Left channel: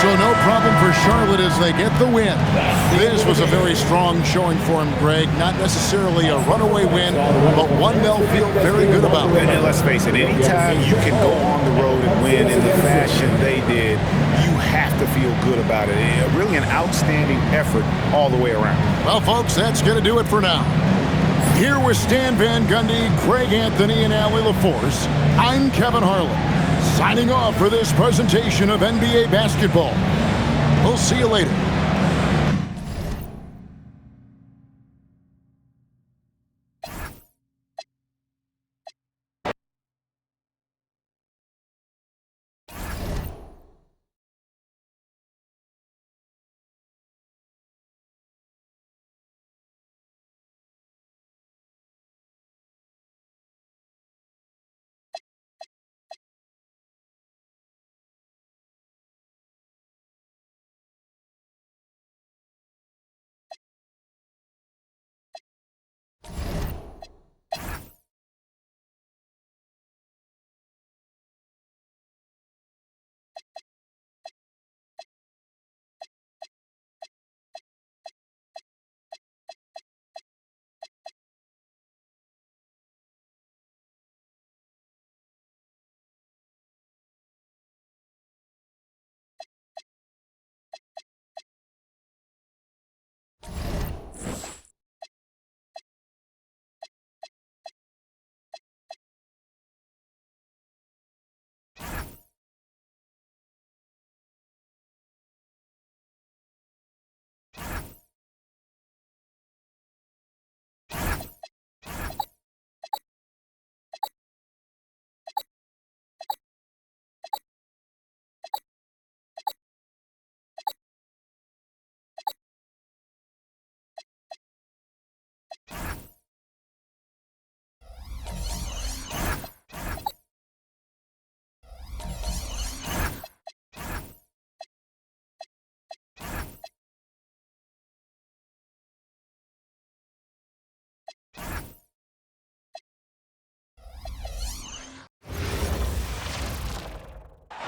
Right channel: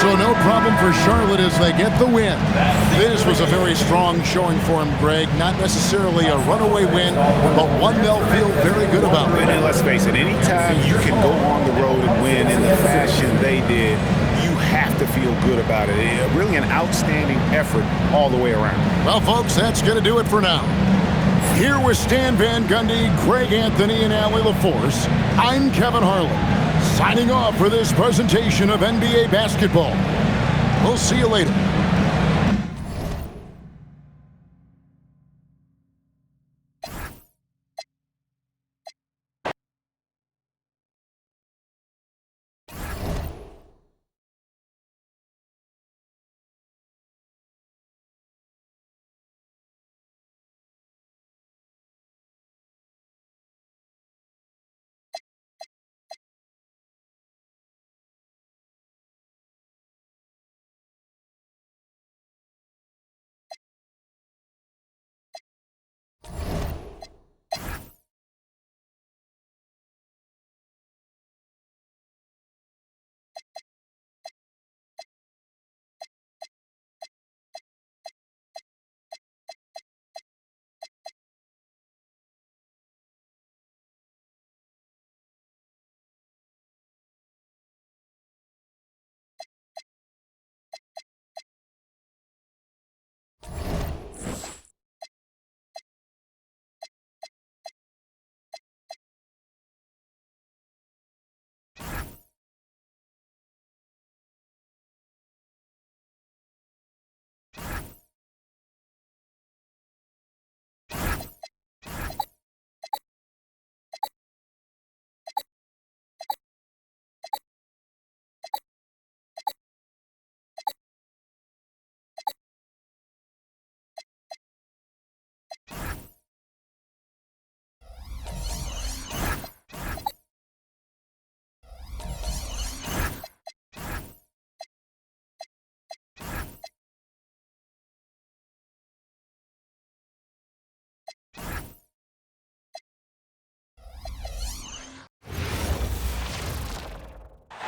So no problem for Charlotte as they get the win. This was a very strong showing for him, Greg. Not necessarily a runaway win, but one they'll feel very good about. And let's face it, anytime you can go on the road and win in the fashion they did, you have to feel good about it. Really an outstanding effort all the way around. Well, folks, that's going to do it for now. Here with Stan Van Gundy, Greg Anthony, and Allie LaForce, I'm Kevin Harlan, signing off for this presentation of NBA basketball. We'll see you later.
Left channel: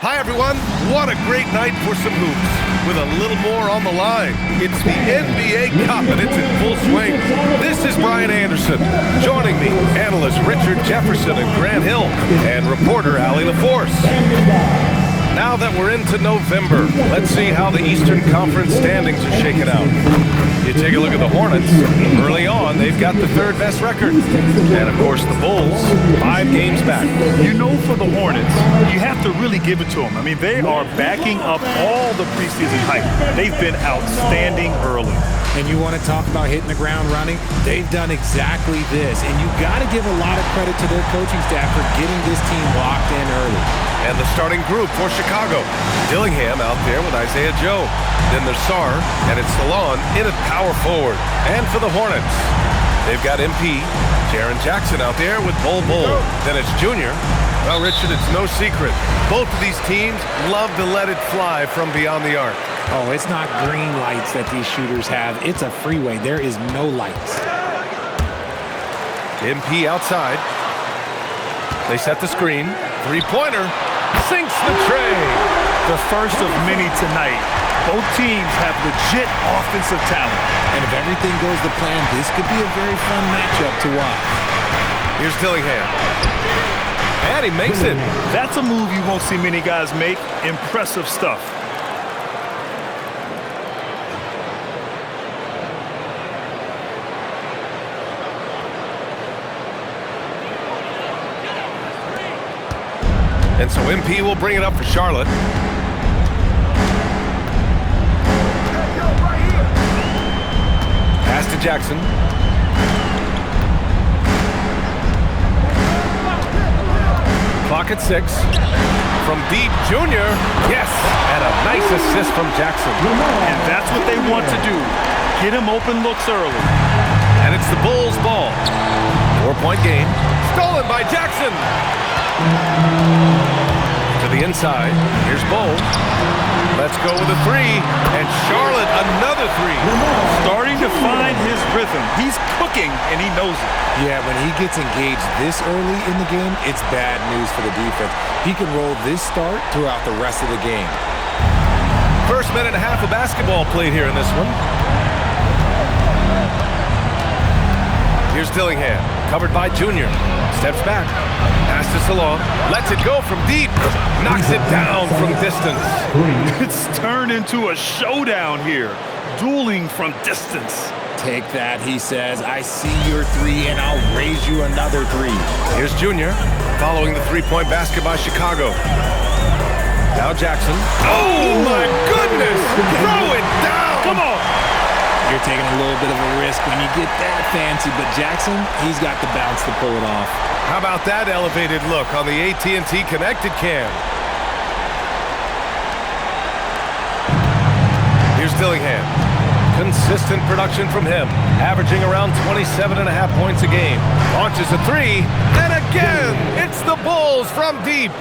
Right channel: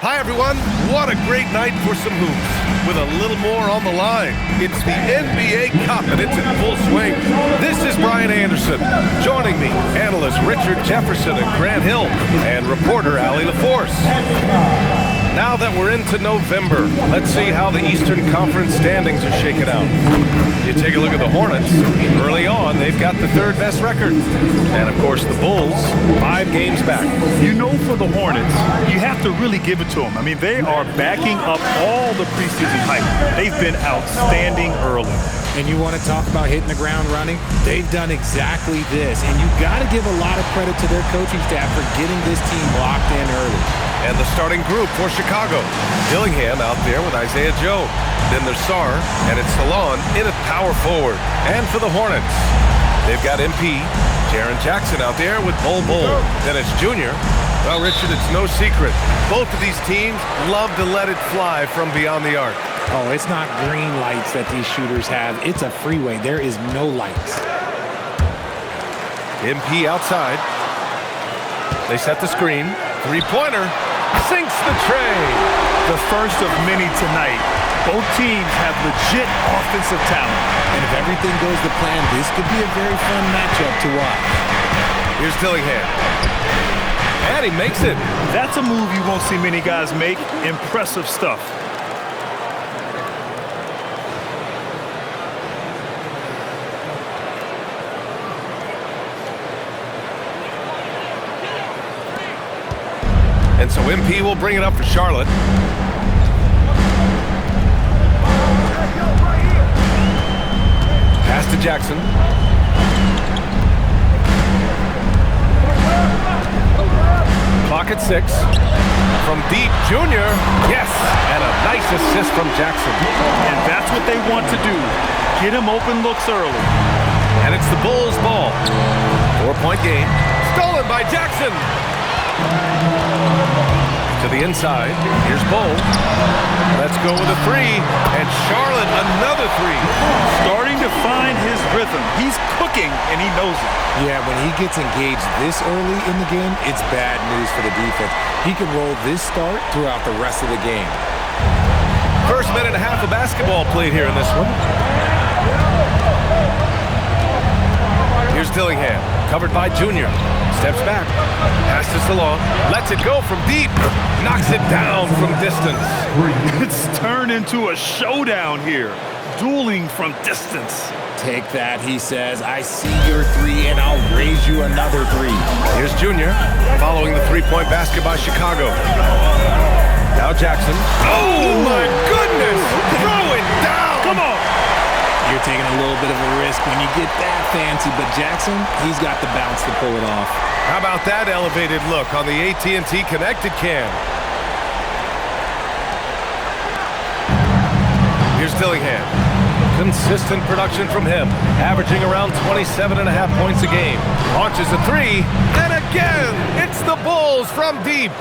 Hi everyone, what a great night for some hoops. With a little more on the line, it's the NBA Cup and it's in full swing. This is Brian Anderson. Joining me, analysts Richard Jefferson and Grant Hill, and reporter Allie LaForce. Now that we're into November, let's see how the Eastern Conference standings are shaking out. You take a look at the Hornets. Early on, they've got the third best record. And of course, the Bulls, 5 games back. You know, for the Hornets, you have to really give it to them. I mean, they are backing up all the preseason hype. They've been outstanding early. And you want to talk about hitting the ground running? They've done exactly this. And you've got to give a lot of credit to their coaching staff for getting this team locked in early. And the starting group for Chicago. Dillingham out there with Isaiah Joe. Then there's Sarr, and it's Salon in at power forward. And for the Hornets, they've got MP, Jaren Jackson out there with Bol Bol. Then it's Junior. Well, Richard, it's no secret. Both of these teams love to let it fly from beyond the arc. Oh, it's not green lights that these shooters have. It's a freeway. There is no lights. MP outside. They set the screen. Three-pointer. Sinks the tray. The first of many tonight. Both teams have legit offensive talent. And if everything goes to plan, this could be a very fun matchup to watch. Here's Dillingham. And he makes it. That's a move you won't see many guys make. Impressive stuff. And so MP will bring it up for Charlotte. Pass to Jackson. Clock at 6. From deep, Junior. Yes, and a nice assist from Jackson. And that's what they want to do. Get him open looks early. And it's the Bulls' ball. 4-point game. Stolen by Jackson. To the inside. Here's Bol. Let's go with a 3. And Charlotte, another 3. Starting to find his rhythm. He's cooking, and he knows it. Yeah, when he gets engaged this early in the game, it's bad news for the defense. He can roll this start throughout the rest of the game. First minute and a half of basketball played here in this one. Here's Dillingham, covered by Junior. Steps back, pass to Salah, lets it go from deep, knocks it down from distance. It's turned into a showdown here, dueling from distance. Take that, he says. I see your three, and I'll raise you another three. Here's Junior, following the three-point basket by Chicago. Now Jackson. Oh, my goodness! Throw it down! Come on! You're taking a little bit of a risk when you get that fancy, but Jackson, he's got the bounce to pull it off. How about that elevated look on the AT&T Connected Cam? Here's Dillingham. Consistent production from him, averaging around 27.5 points a game. Launches a three, and again, it's the Bulls from deep.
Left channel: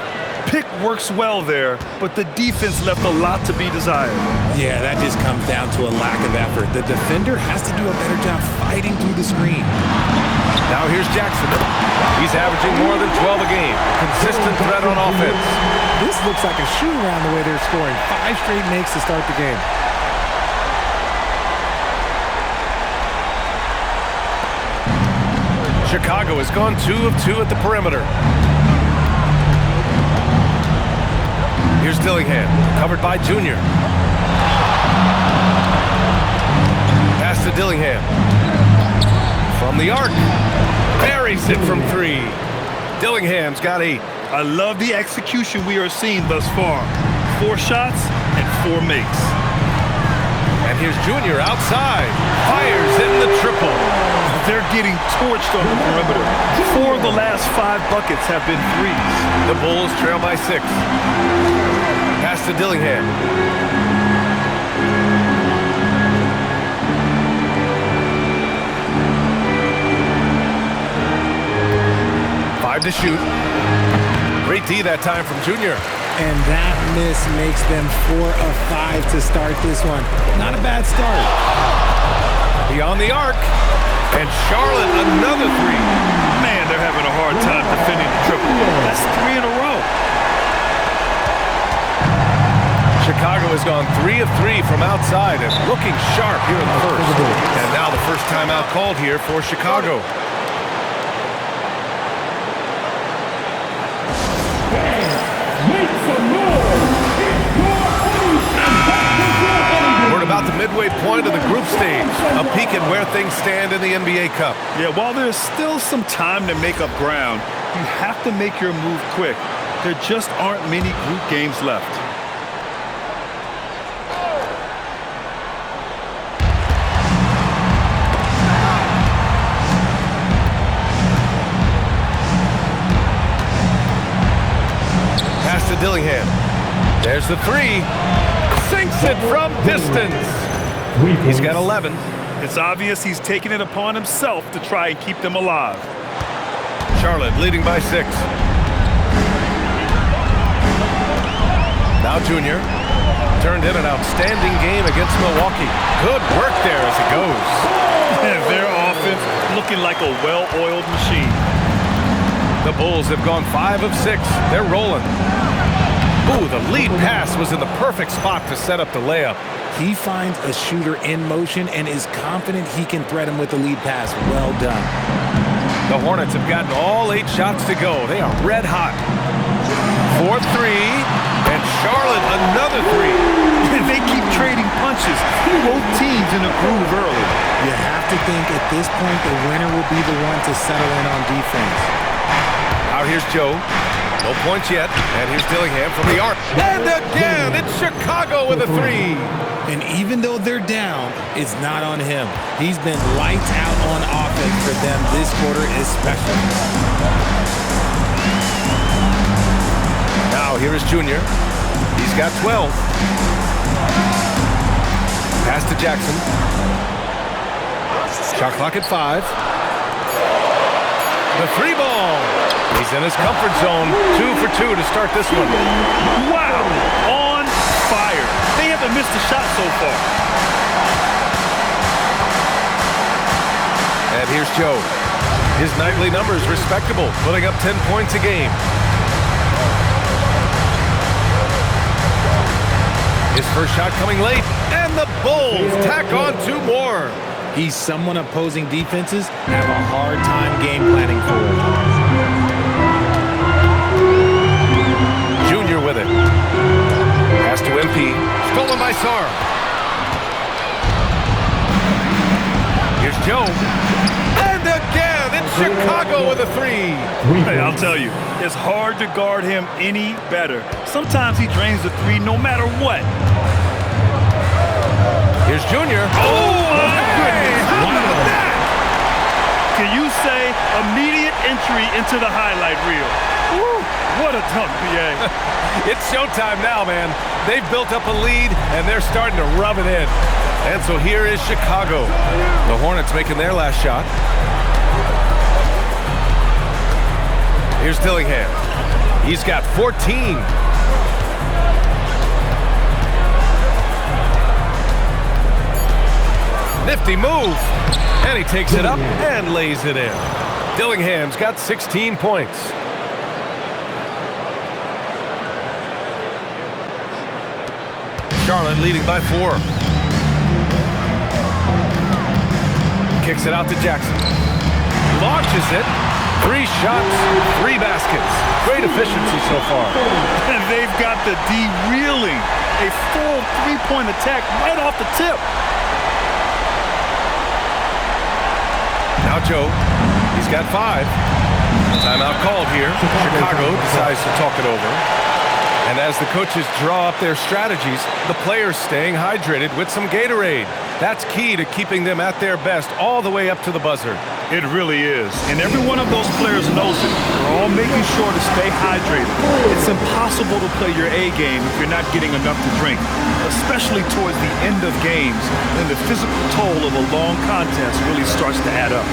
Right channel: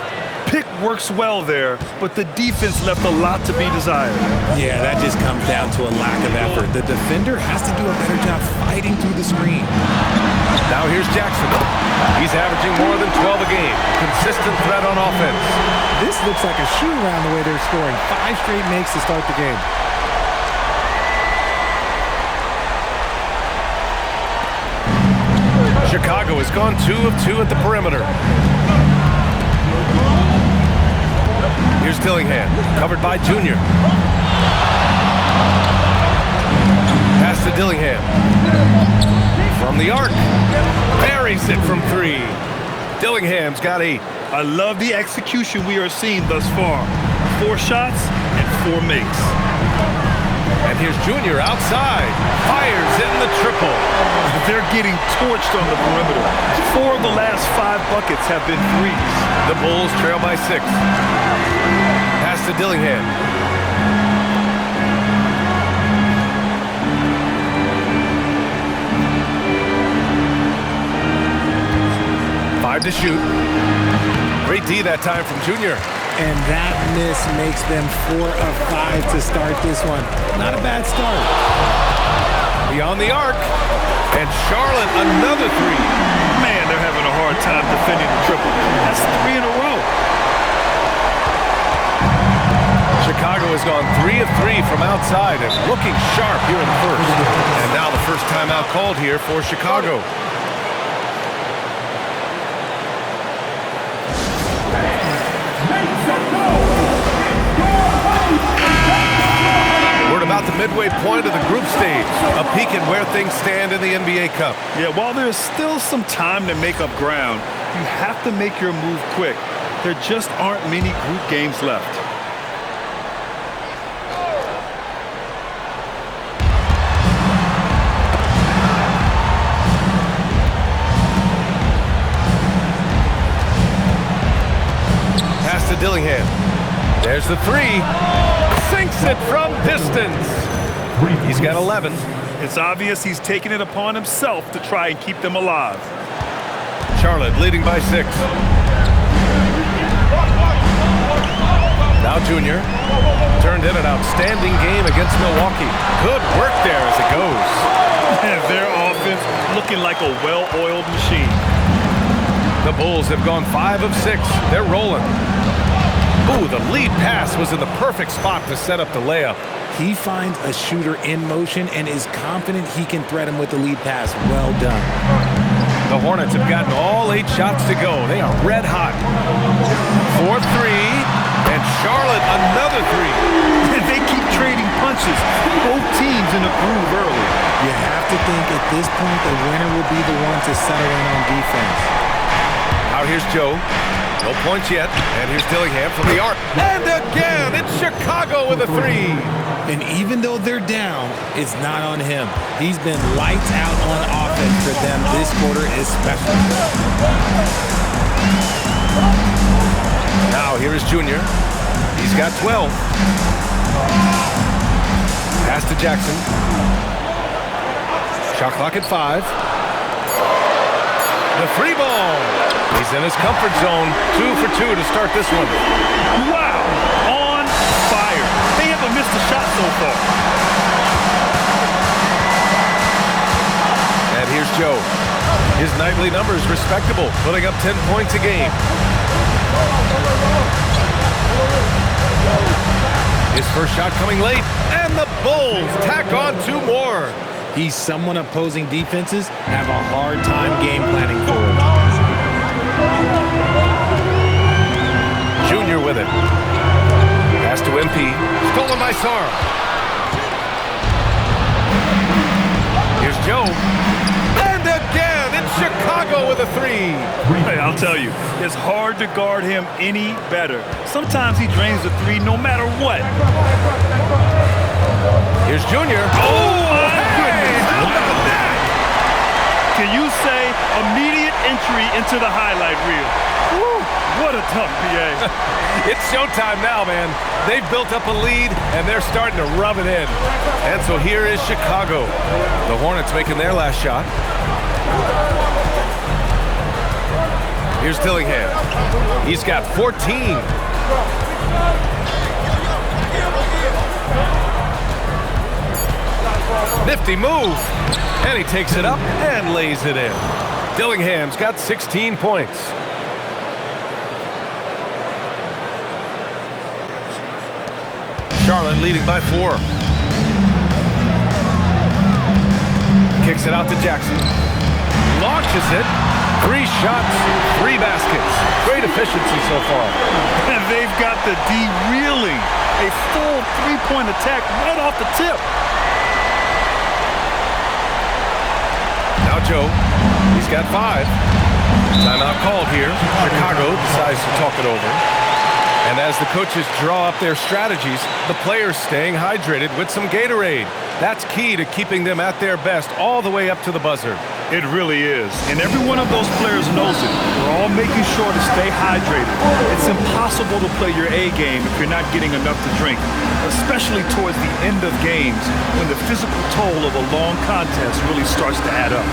Pick works well there, but the defense left a lot to be desired. Yeah, that just comes down to a lack of effort. The defender has to do a better job fighting through the screen. Now here's Jackson. He's averaging more than 12 a game, a consistent threat on offense. This looks like a shoot-around the way they're scoring. 5 straight makes to start the game. Chicago has gone 2 of 2 at the perimeter. Here's Dillingham, covered by Junior. Pass to Dillingham. From the arc. Buries it from 3. Dillingham's got 8. I love the execution we are seeing thus far. 4 shots and 4 makes. And here's Junior outside. Fires in the triple. They're getting torched on the perimeter. 4 of the last 5 buckets have been threes. The Bulls trail by 6. Pass to Dillingham. Five to shoot. Great D that time from Junior. And that miss makes them 4 of 5 to start this one. Not a bad start. Beyond the arc. And Charlotte, another 3. Man, they're having a hard time defending the triple. That's 3 in a row. Chicago has gone 3 of 3 from outside and looking sharp here in the first. And now the first timeout called here for Chicago. We're at about the midway point of the group stage. A peek at where things stand in the NBA Cup. Yeah, while there's still some time to make up ground, you have to make your move quick. There just aren't many group games left. Pass to Dillingham. There's the 3. Sinks it from distance. He's got 11. It's obvious he's taking it upon himself to try and keep them alive. Charlotte leading by 6. Now Junior. Turned in an outstanding game against Milwaukee. Good work there as it goes. And their offense looking like a well-oiled machine. The Bulls have gone 5 of 6. They're rolling. Ooh, the lead pass was in the perfect spot to set up the layup. He finds a shooter in motion and is confident he can threat him with the lead pass. Well done. The Hornets have gotten all 8 shots to go. They are red hot. 4-3, and Charlotte another 3. They keep trading punches. Both teams in a groove early. You have to think at this point the winner will be the one to settle in on defense. Out here's Joe. No points yet. And here's Dillingham from the arc. And again, it's Chicago with a 3. And even though they're down, it's not on him. He's been lights out on offense for them this quarter especially. Now here is Junior. He's got 12. Pass to Jackson. Shot clock at 5. The 3 ball. He's in his comfort zone. 2 for 2 to start this one. Wow, on fire. They haven't missed a shot so far. And here's Joe. His nightly numbers respectable, putting up 10 points a game. His first shot coming late, and the Bulls tack on 2 more. He's someone opposing defenses have a hard time game planning for. Junior with it. Pass to MP. Stolen by Sarr. Here's Joe. And again, it's Chicago with a 3. Hey, I'll tell you, it's hard to guard him any better. Sometimes he drains the 3 no matter what. Here's Junior. Oh, my goodness. How about that? Can you say immediate entry into the highlight reel? Woo, what a dunk, BA. It's showtime now, man. They've built up a lead, and they're starting to rub it in. And so here is Chicago. The Hornets making their last shot. Here's Dillingham. He's got 14. Nifty move. And he takes it up and lays it in. Dillingham's got 16 points. Charlotte leading by 4. Kicks it out to Jackson. Launches it. 3 shots, 3 baskets. Great efficiency so far. And they've got the D reeling. A full 3-point attack right off the tip. Now Joe, he's got 5. Timeout called here. Chicago decides to talk it over. And as the coaches draw up their strategies, the players staying hydrated with some Gatorade. That's key to keeping them at their best all the way up to the buzzer. It really is. And every one of those players knows it. They're all making sure to stay hydrated. It's impossible to play your A game if you're not getting enough to drink, especially towards the end of games when the physical toll of a long contest really starts to add up.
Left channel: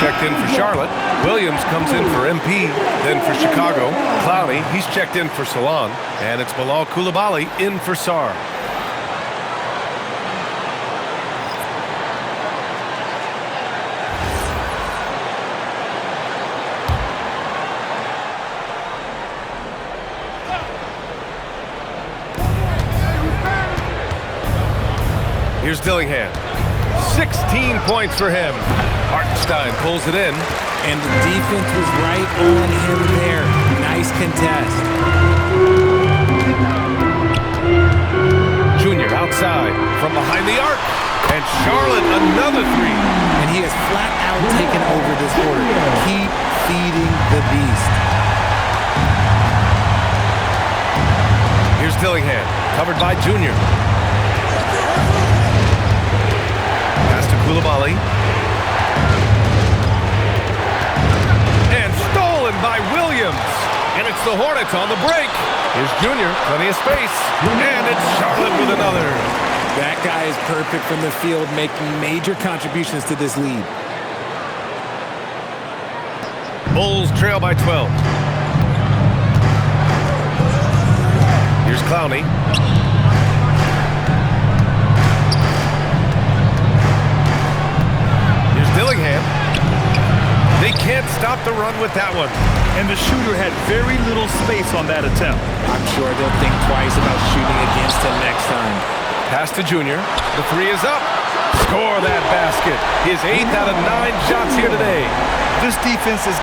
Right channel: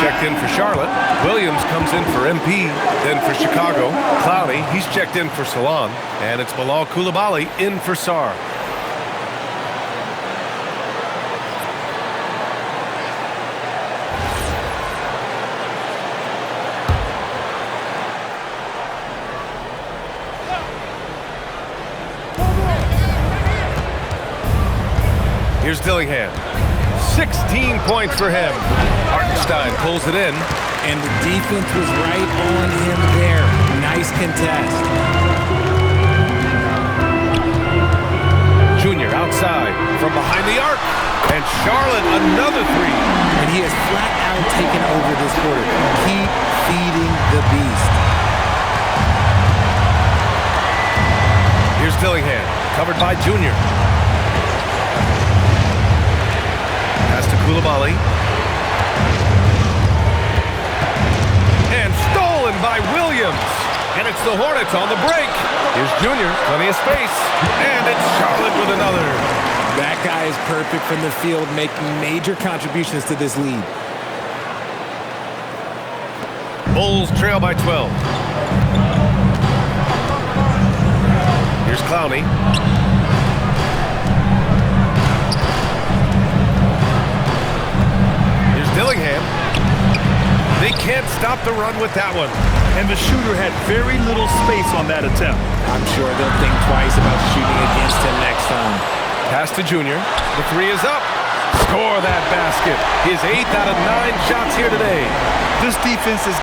Checked in for Charlotte. Williams comes in for MP, then for Chicago. Clowney, he's checked in for Salon. And it's Bilal Coulibaly in for Sarr. Here's Dillingham. 16 points for him. Hartenstein pulls it in. And the defense was right on him there. Nice contest. Junior outside from behind the arc. And Charlotte another 3. And he has flat out taken over this quarter. Keep feeding the beast. Here's Dillingham, covered by Junior. Pass to Coulibaly. And stolen by Williams. And it's the Hornets on the break. Here's Junior, plenty of space. And it's Charlotte with another. That guy is perfect from the field, making major contributions to this lead. Bulls trail by 12. Here's Clowney. Here's Dillingham. They can't stop the run with that one. And the shooter had very little space on that attempt. I'm sure they'll think twice about shooting against him next time. Pass to Junior. The 3 is up. Score that basket. His 8th out of 9 shots here today. This defense is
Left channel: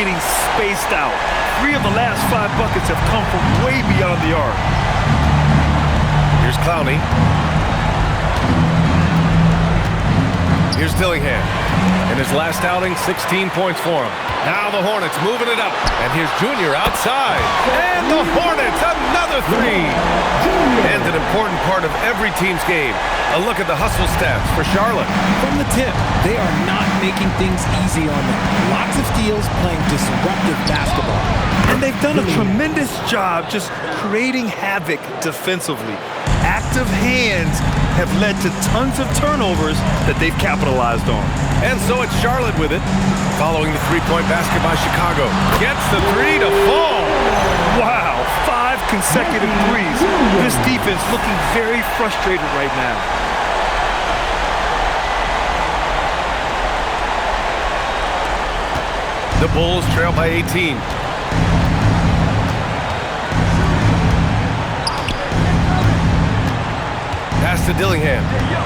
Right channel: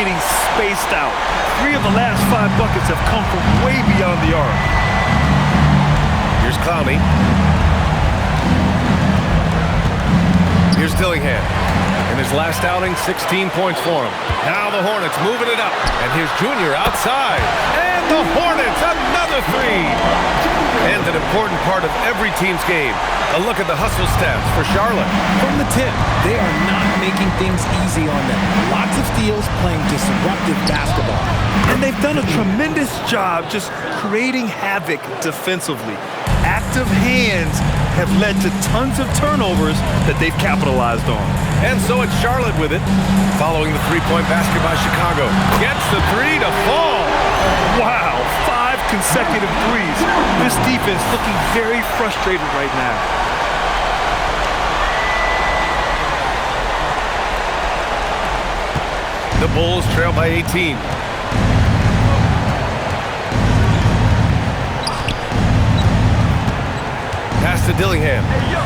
getting spaced out. 3 of the last 5 buckets have come from way beyond the arc. Here's Clowney. Here's Dillingham. In his last outing, 16 points for him. Now the Hornets moving it up. And here's Junior outside. And the Hornets, another 3. And an important part of every team's game. A look at the hustle stats for Charlotte. From the tip, they are not making things easy on them. Lots of steals, playing disruptive basketball. And they've done a tremendous job just creating havoc defensively. Active hands have led to tons of turnovers that they've capitalized on. And so it's Charlotte with it. Following the 3-point basket by Chicago. Gets the 3 to fall. Wow, 5 consecutive threes. This defense looking very frustrated right now. The Bulls trail by 18. Pass to Dillingham. Hey, yo,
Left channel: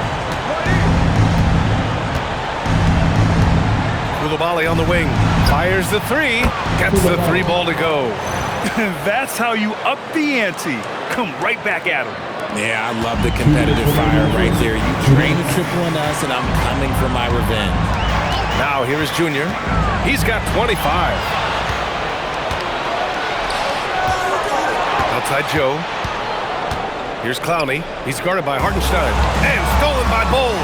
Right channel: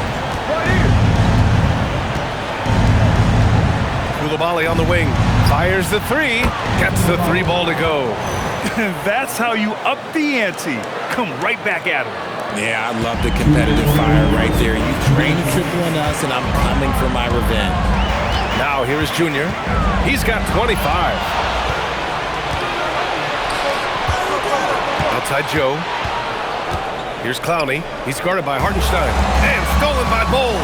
right here. Koulibaly on the wing. Fires the 3. Gets the 3 ball to go. That's how you up the ante. Come right back at him. Yeah, I love the competitive fire right there. You drain a triple on us, and I'm coming for my revenge. Now here is Junior. He's got 25. Outside Joe. Here's Clowney. He's guarded by Hartenstein. And stolen by Bull.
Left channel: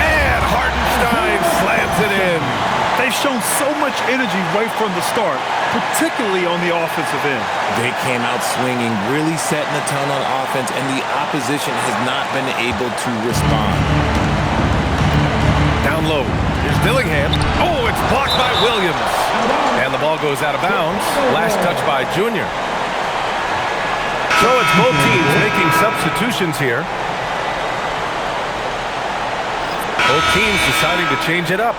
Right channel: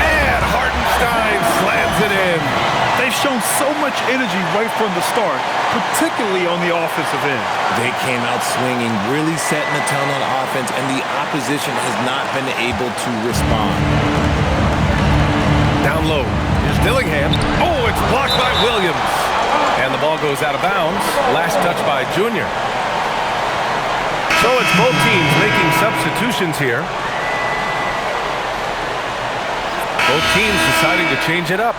And Hartenstein slams it in. They've shown so much energy right from the start, particularly on the offensive end. They came out swinging, really setting the tone on offense, and the opposition has not been able to respond. Down low. Here's Dillingham. Oh, it's blocked by Williams. And the ball goes out of bounds. Last touch by Junior. So it's both teams making substitutions here. Both teams deciding to change it up.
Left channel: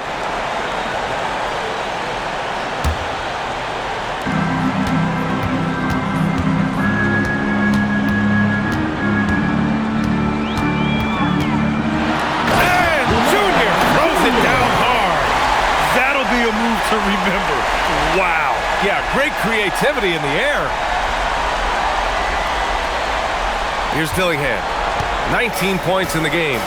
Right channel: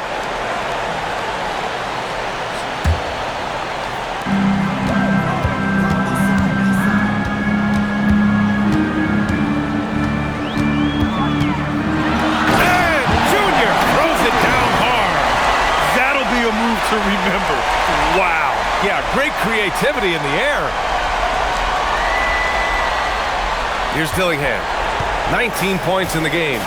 And Junior throws it down hard. That'll be a move to remember. Wow. Yeah, great creativity in the air. Here's Dillingham. 19 points in the game.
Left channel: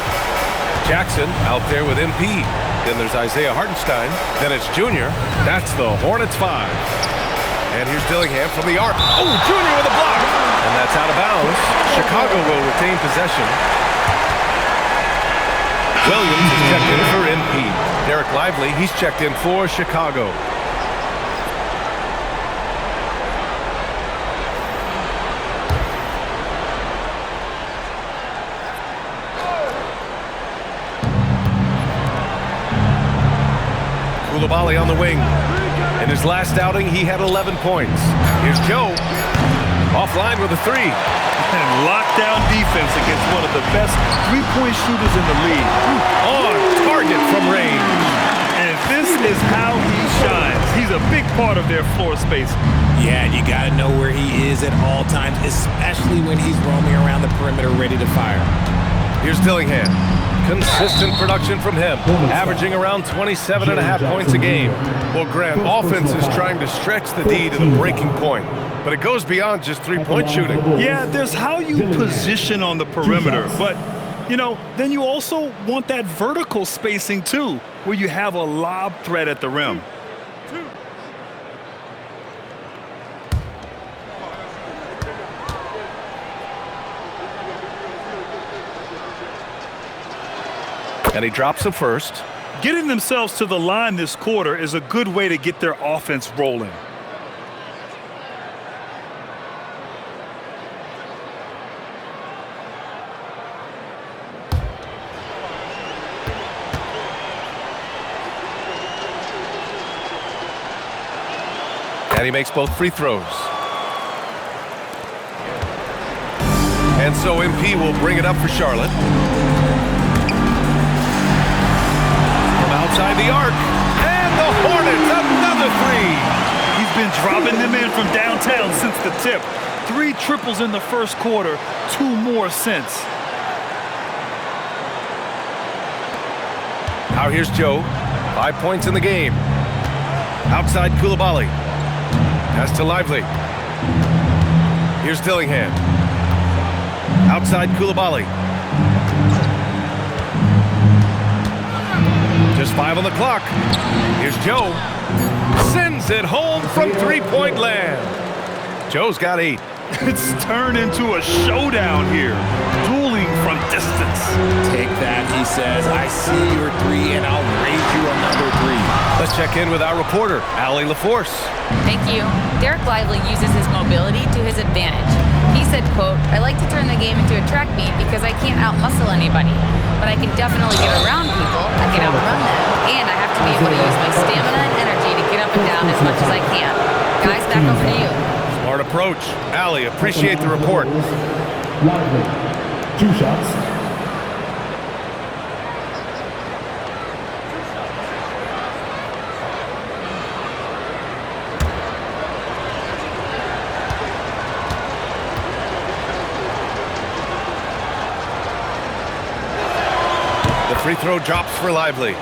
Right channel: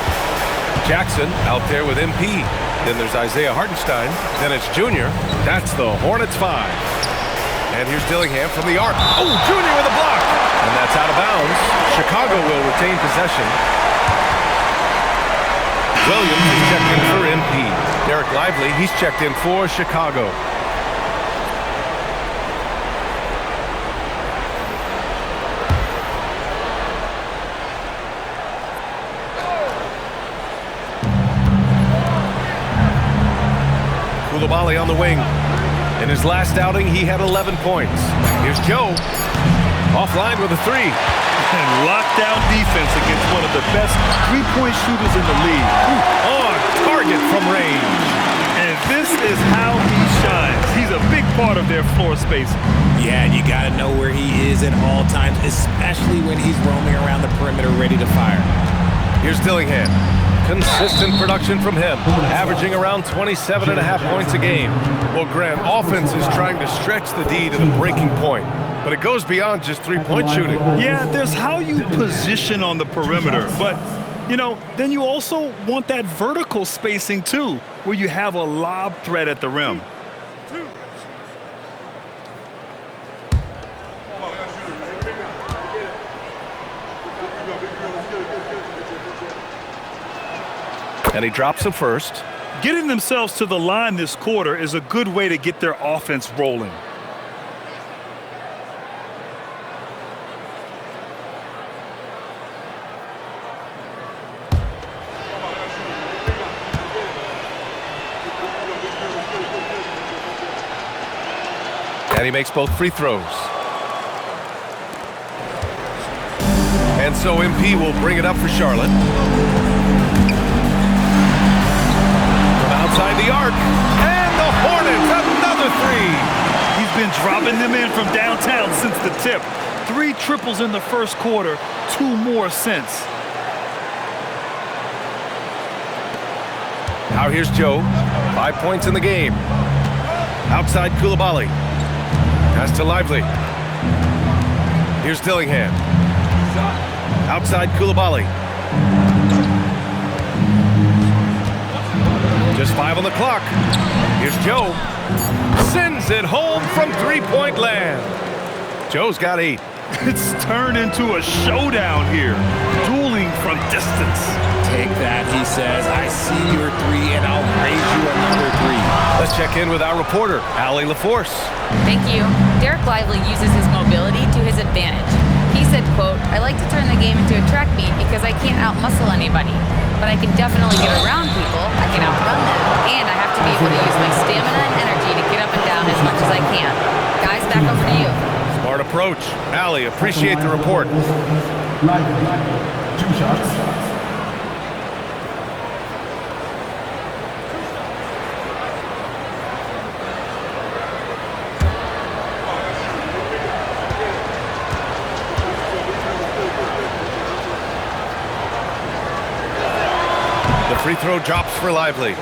Jackson out there with MP. Then there's Isaiah Hartenstein. Then it's Junior. That's the Hornets 5. And here's Dillingham from the arc. Oh, Junior with a block. And that's out of bounds. Chicago will retain possession. Williams is checked in for MP. Derek Lively, he's checked in for Chicago. Koulibaly on the wing. In his last outing, he had 11 points. Here's Joe. Offline with a 3. And lockdown defense against one of the best three-point shooters in the league. On target from range. And this is how he shines. He's a big part of their floor space. Yeah, you got to know where he is at all times, especially when he's roaming around the perimeter ready to fire. Here's Dillingham. Consistent production from him, averaging around 27.5 points a game. Well, Grant, offense is trying to stretch the D to the breaking point, but it goes beyond just three-point shooting. Yeah, there's how you position on the perimeter, but, you know, then you also want that vertical spacing, too, where you have a lob threat at the rim. And he drops the first. Getting themselves to the line this quarter is a good way to get their offense rolling. And he makes both free throws. And so MP will bring it up for Charlotte. Outside the arc, and the Hornets, another 3. He's been dropping them in from downtown since the tip. 3 triples in the first quarter, 2 more since. Now here's Joe, 5 points in the game. Outside Koulibaly. Pass to Lively. Here's Dillingham. Outside Koulibaly. Just 5 on the clock. Here's Joe. Sends it home from three-point land. Joe's got 8. It's turned into a showdown here. Dueling from distance. Take that, he says. I see your 3, and I'll raise you another 3. Let's check in with our reporter, Allie LaForce. Thank you. Derek Lively uses his mobility to his advantage. He said, quote, "I like to turn the game into a track meet because I can't outmuscle anybody. But I can definitely get around people, I can outrun them, and I have to be able to use my stamina and energy to get up and down as much as I can." Guys, back over to you. Smart approach. Allie, appreciate the report. Lively, 2 shots. The free throw drops for Lively.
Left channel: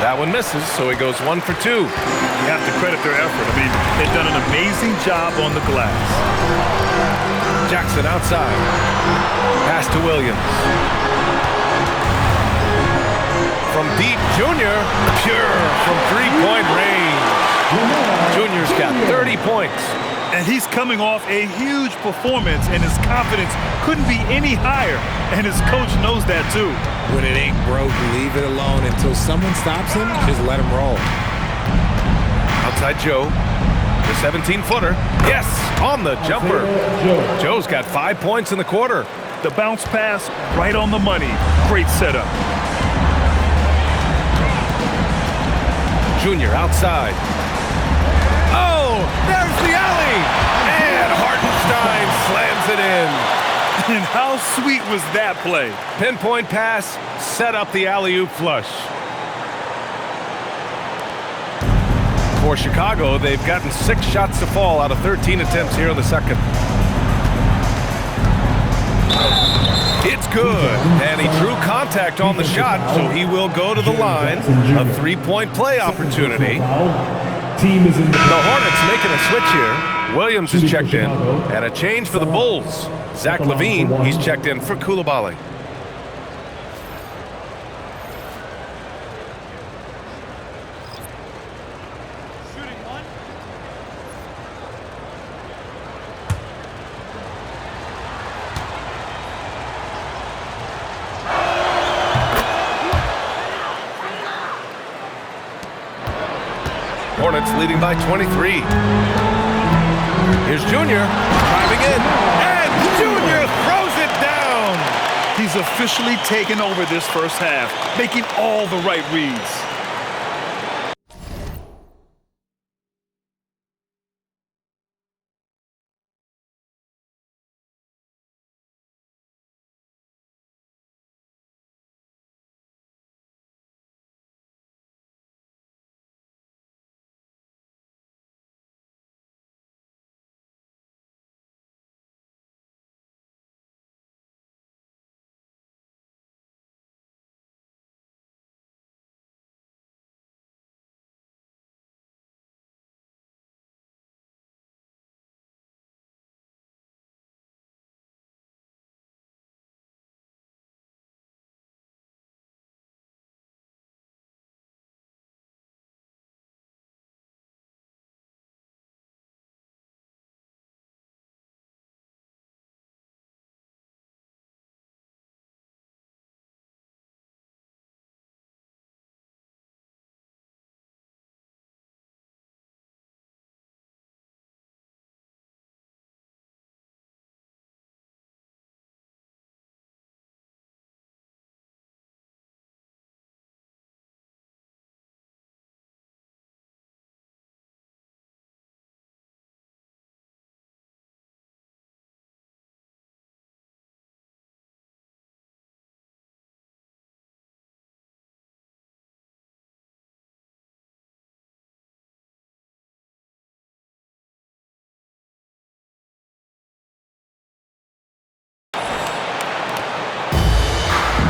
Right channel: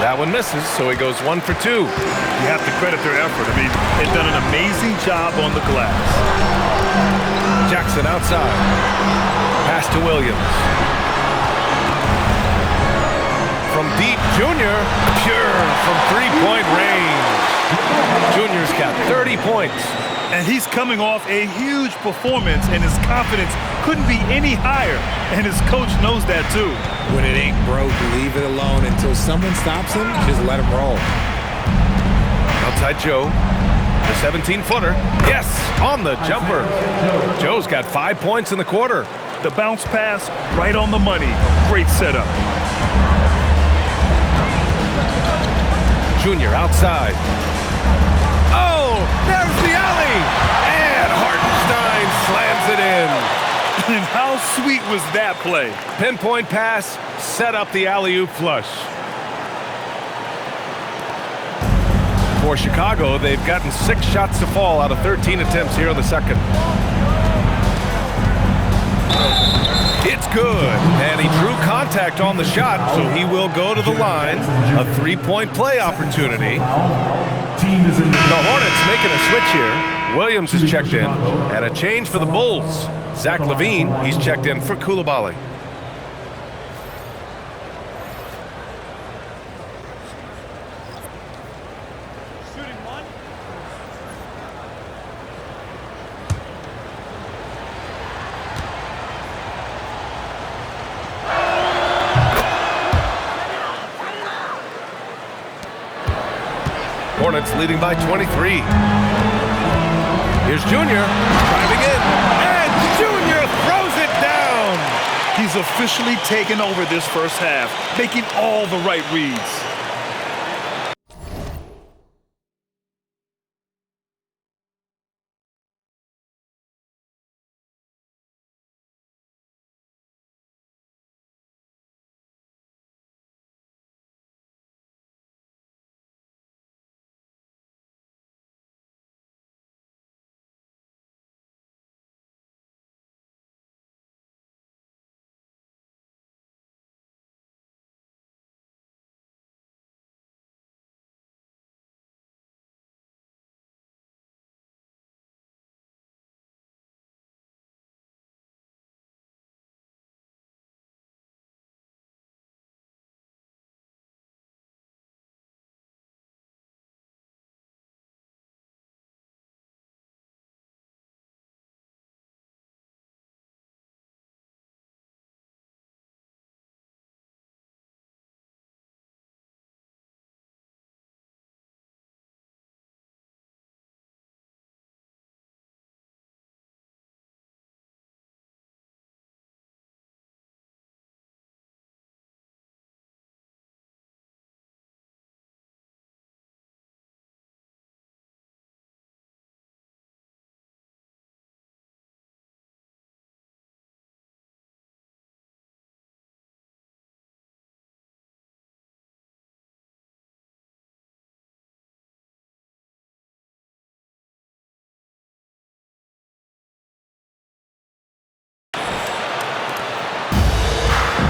That one misses, so he goes 1 for 2. You have to credit their effort. I mean, they've done an amazing job on the glass. Jackson outside. Pass to Williams. From deep, Junior. Pure from three-point range. Junior's got 30 points. And he's coming off a huge performance, and his confidence couldn't be any higher. And his coach knows that, too. When it ain't broke, leave it alone until someone stops him. Just let him roll. Outside Joe. The 17-footer. Yes, on the jumper. Joe's got 5 points in the quarter. The bounce pass right on the money. Great setup. Junior outside. Oh, there's the alley. And Hartenstein slams it in. And how sweet was that play? Pinpoint pass, set up the alley-oop flush. For Chicago, they've gotten 6 shots to fall out of 13 attempts here in the second. It's good, and he drew contact on the shot, so he will go to the line. A 3-point play opportunity. The Hornets making a switch here. Williams is checked in, and a change for the Bulls. Zach Levine, he's checked in for Koulibaly. Shooting 1. Hornets leading by 23. Here's Junior driving in, and Junior throws it down. He's officially taken over this first half, making all the right reads.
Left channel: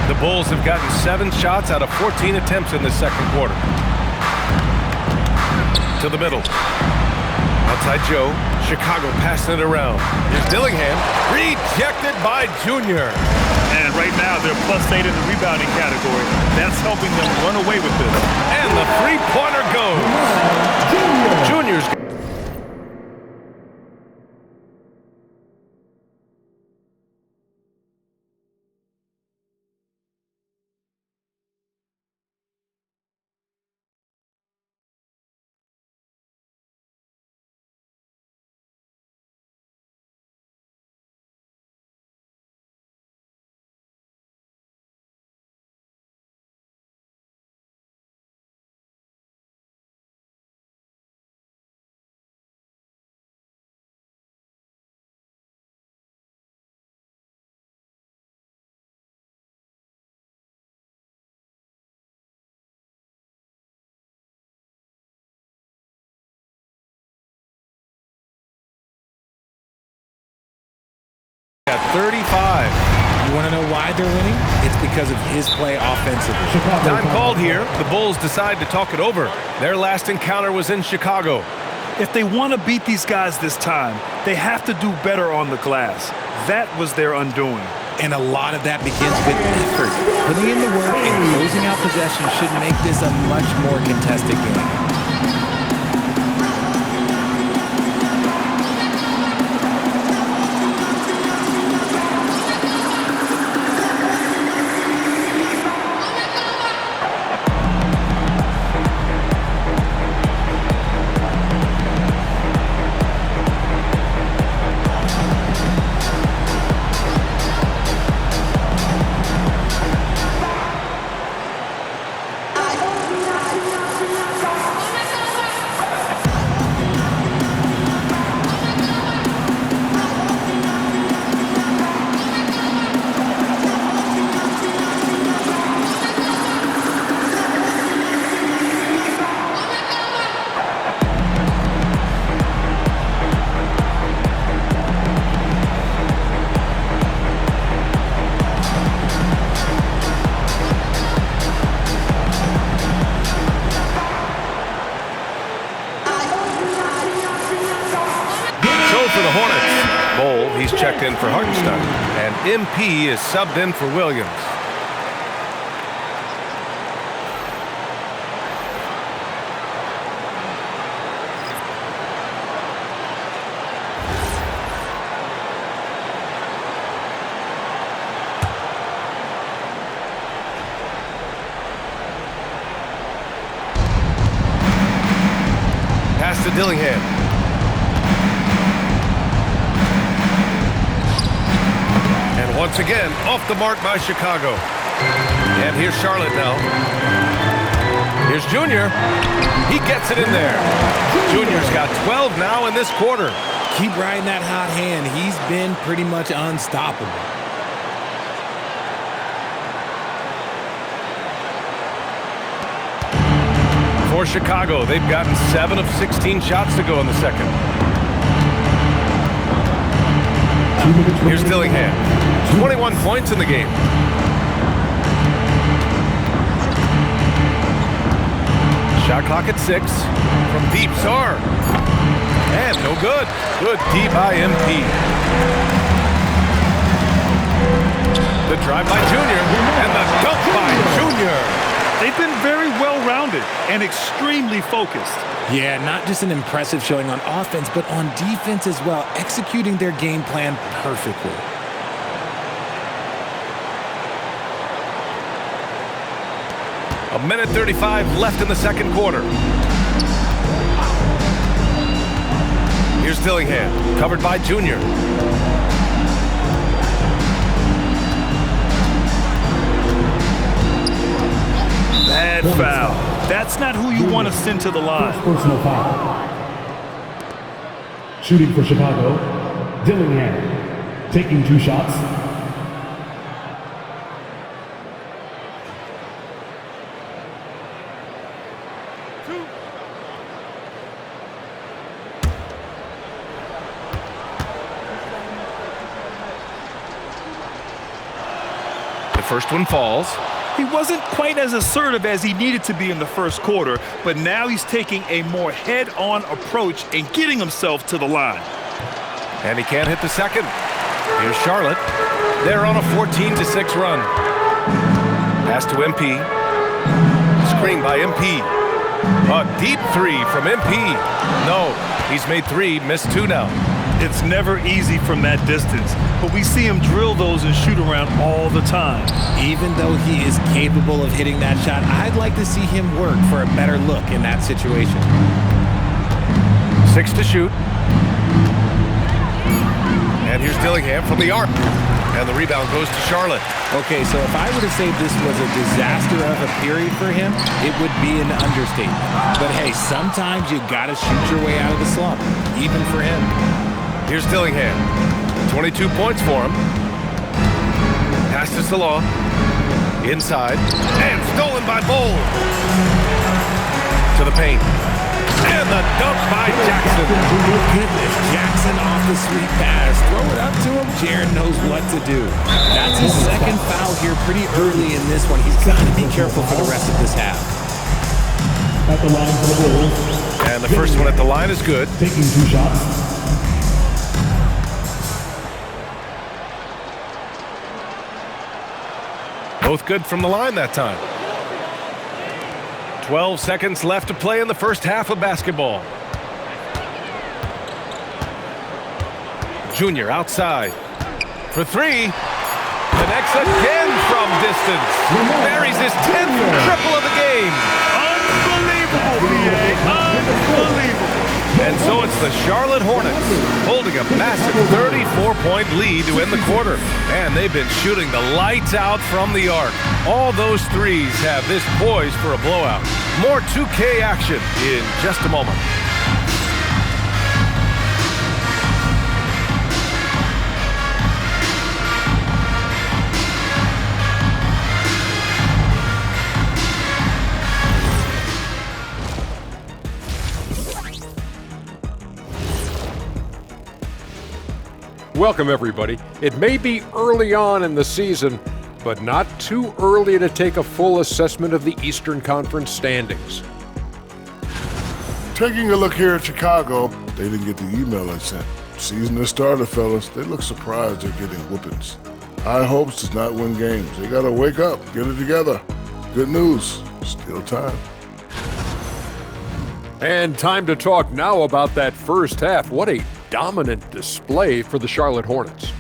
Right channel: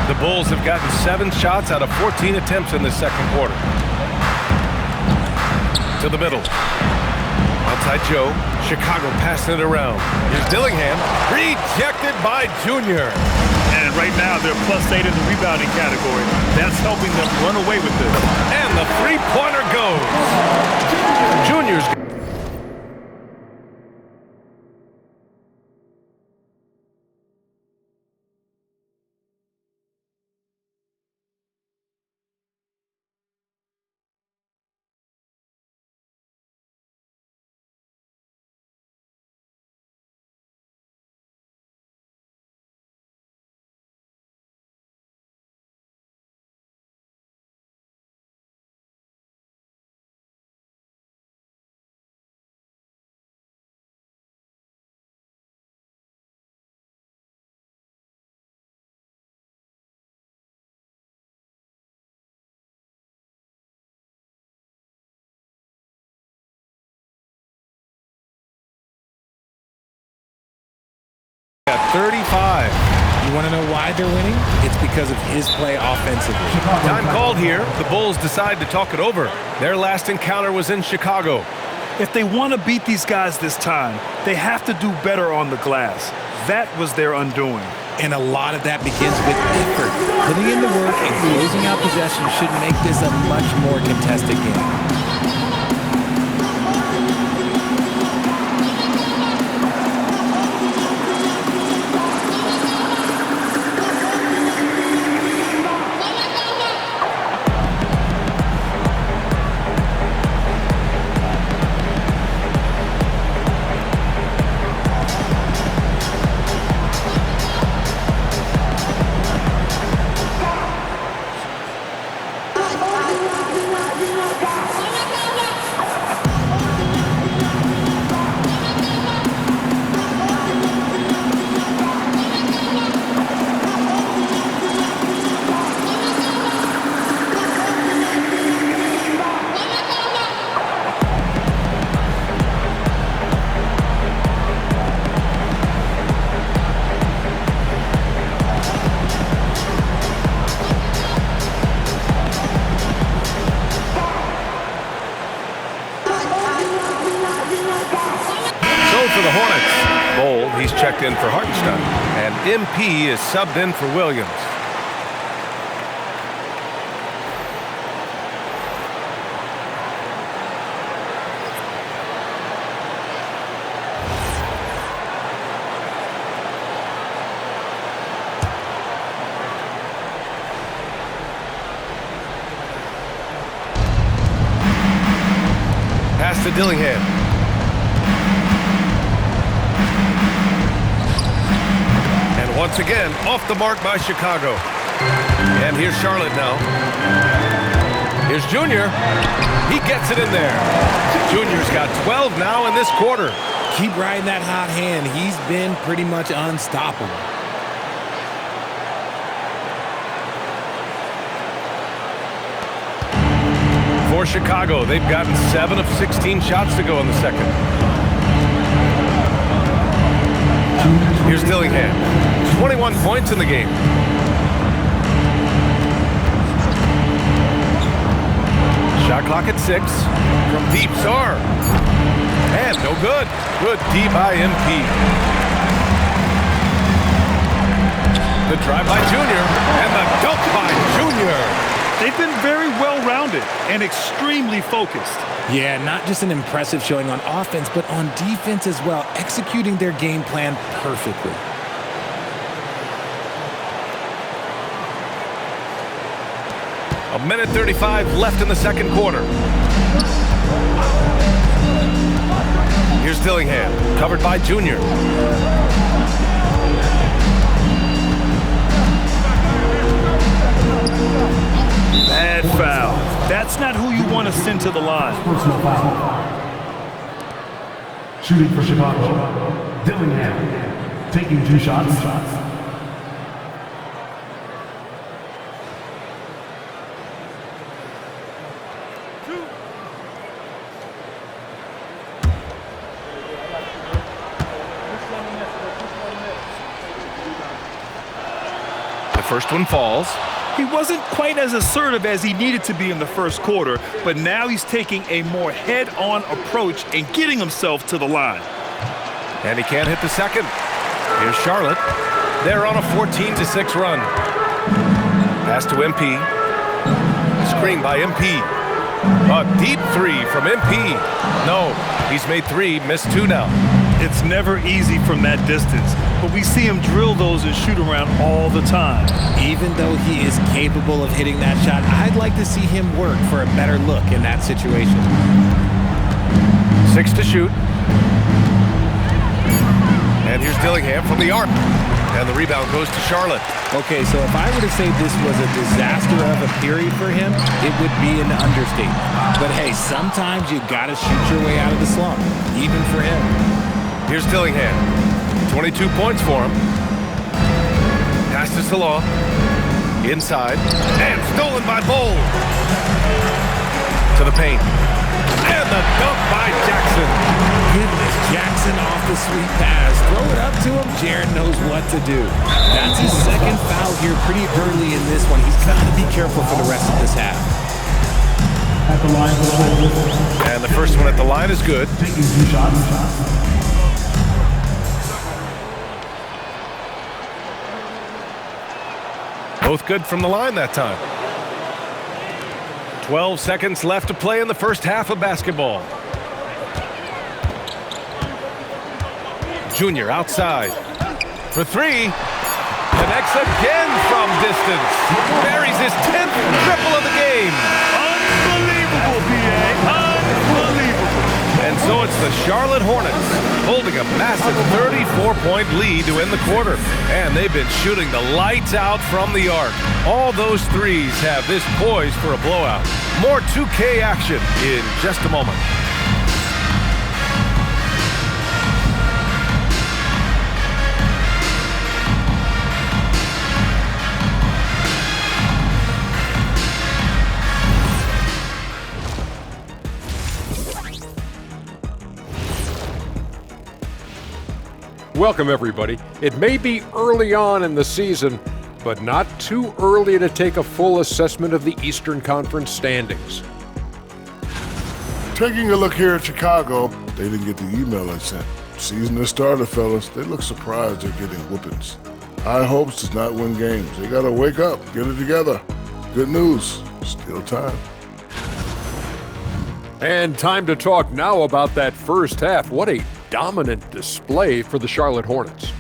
The Bulls have gotten 7 shots out of 14 attempts in the second quarter. To the middle. Outside Joe. Chicago passing it around. Here's Dillingham. Rejected by Junior. And right now, they're +8 in the rebounding category. That's helping them run away with this. And the three-pointer goes. Junior's. At 35. You want to know why they're winning? It's because of his play offensively. Time called here. The Bulls decide to talk it over. Their last encounter was in Chicago. If they want to beat these guys this time, they have to do better on the glass. That was their undoing. And a lot of that begins with effort. Putting in the work and closing out possession should make this a much more contested game. For the Hornets. Bold, he's checked in for Hartenstein. And MP is subbed in for Williams. Pass to Dillingham. And once again, off the mark by Chicago. And here's Charlotte now. Here's Junior. He gets it in there. Junior's got 12 now in this quarter. Keep riding that hot hand. He's been pretty much unstoppable. For Chicago, they've gotten 7 of 16 shots to go in the second. Here's Dillingham. 21 points in the game. Shot clock at 6. From deep, Sar. And no good. Good D by MP. The drive by Junior. And the dunk by Junior. They've been very well-rounded and extremely focused. Yeah, not just an impressive showing on offense, but on defense as well, executing their game plan perfectly. A minute 35 left in the second quarter. Here's Dillingham, covered by Junior. Bad foul. That's not who you want to send to the line. Personal foul. Shooting for Chicago, Dillingham. Taking 2 shots. first one falls. He wasn't quite as assertive as he needed to be in the first quarter, but now he's taking a more head-on approach and getting himself to the line. And he can't hit the second. Here's Charlotte. They're on a 14-6 run. Pass to MP. Screen by MP. A deep three from MP. No, he's made 3, missed 2 now. It's never easy from that distance, but we see him drill those and shoot around all the time. Even though he is capable of hitting that shot, I'd like to see him work for a better look in that situation. 6 to shoot. And here's Dillingham from the arc. And the rebound goes to Charlotte. Okay, so if I were to say this was a disaster of a period for him, it would be an understatement. But hey, sometimes you gotta shoot your way out of the slump, even for him. Here's Dillingham. 22 points for him. Pass to Salah. Inside. And stolen by Bowl. To the paint. And the dunk by Jackson. Goodness, Jackson off the sweet pass. Throw it up to him. Jaron knows what to do. That's his second foul here pretty early in this one. He's got to be careful for the rest of this half. At the line for the Bulls. And the first one at the line is good. Taking 2 shots. Both good from the line that time. 12 seconds left to play in the first half of basketball. Junior outside for 3. Connects again from distance. Buries his 10th triple of the game. Unbelievable, PA. Unbelievable. And so it's the Charlotte Hornets holding a massive 34-point lead to end the quarter. And they've been shooting the lights out from the arc. All those threes have this poised for a blowout. More 2K action in just a moment. Welcome, everybody. It may be early on in the season, but not too early to take a full assessment of the Eastern Conference standings. Taking a look here at Chicago, they didn't get the email I sent. Season has started, fellas. They look surprised they're getting whoopings. High hopes does not win games. They gotta wake up, get it together. Good news, still time. And time to talk now about that first half. What a dominant display for the Charlotte Hornets.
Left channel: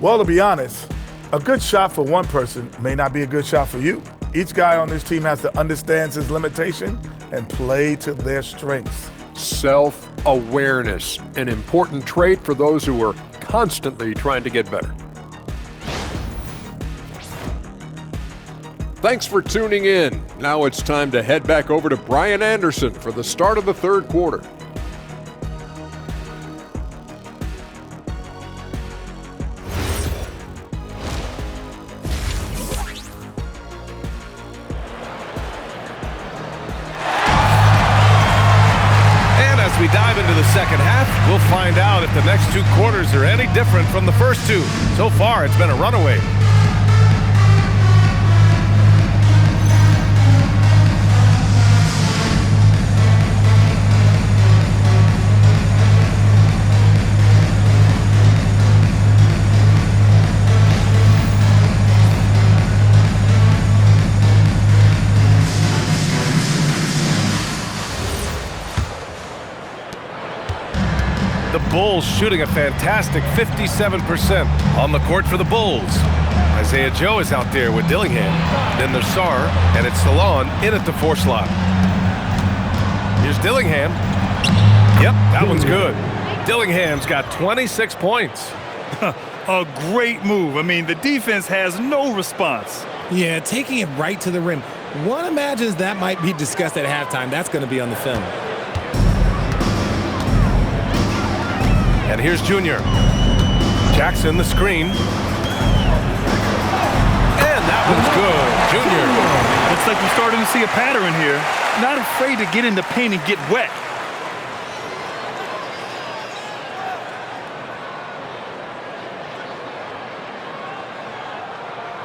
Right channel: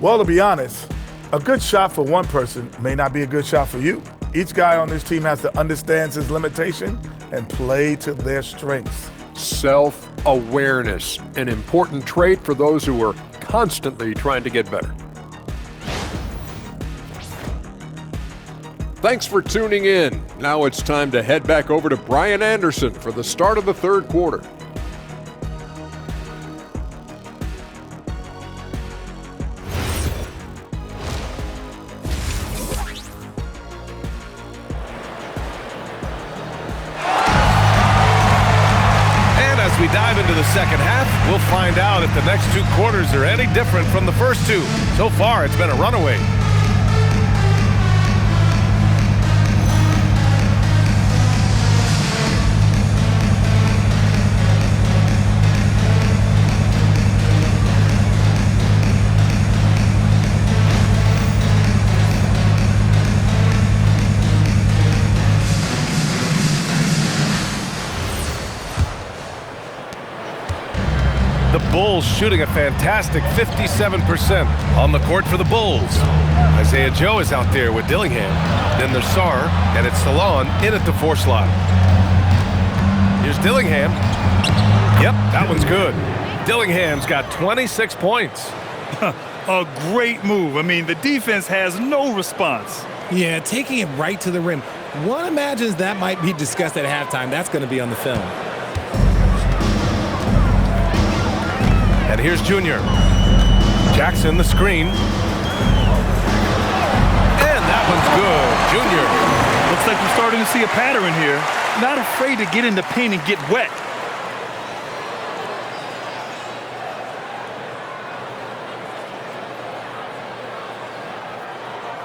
Well, to be honest, a good shot for one person may not be a good shot for you. Each guy on this team has to understand his limitation and play to their strengths. Self-awareness, an important trait for those who are constantly trying to get better. Thanks for tuning in. Now it's time to head back over to Brian Anderson for the start of the third quarter. As we dive into the second half, we'll find out if the next 2 quarters are any different from the first 2. So far, it's been a runaway. The Bulls shooting a fantastic 57% on the court for the Bulls. Isaiah Joe is out there with Dillingham. Then there's Sarr, and it's Salon in at the 4 slot. Here's Dillingham. Yep, that one's good. Dillingham's got 26 points. A great move. I mean, the defense has no response. Yeah, taking it right to the rim. One imagines that might be discussed at halftime. That's going to be on the film. And here's Junior. Jackson, the screen. And that one's good. Junior. Looks like we're starting to see a pattern here. Not afraid to get in the paint and get wet.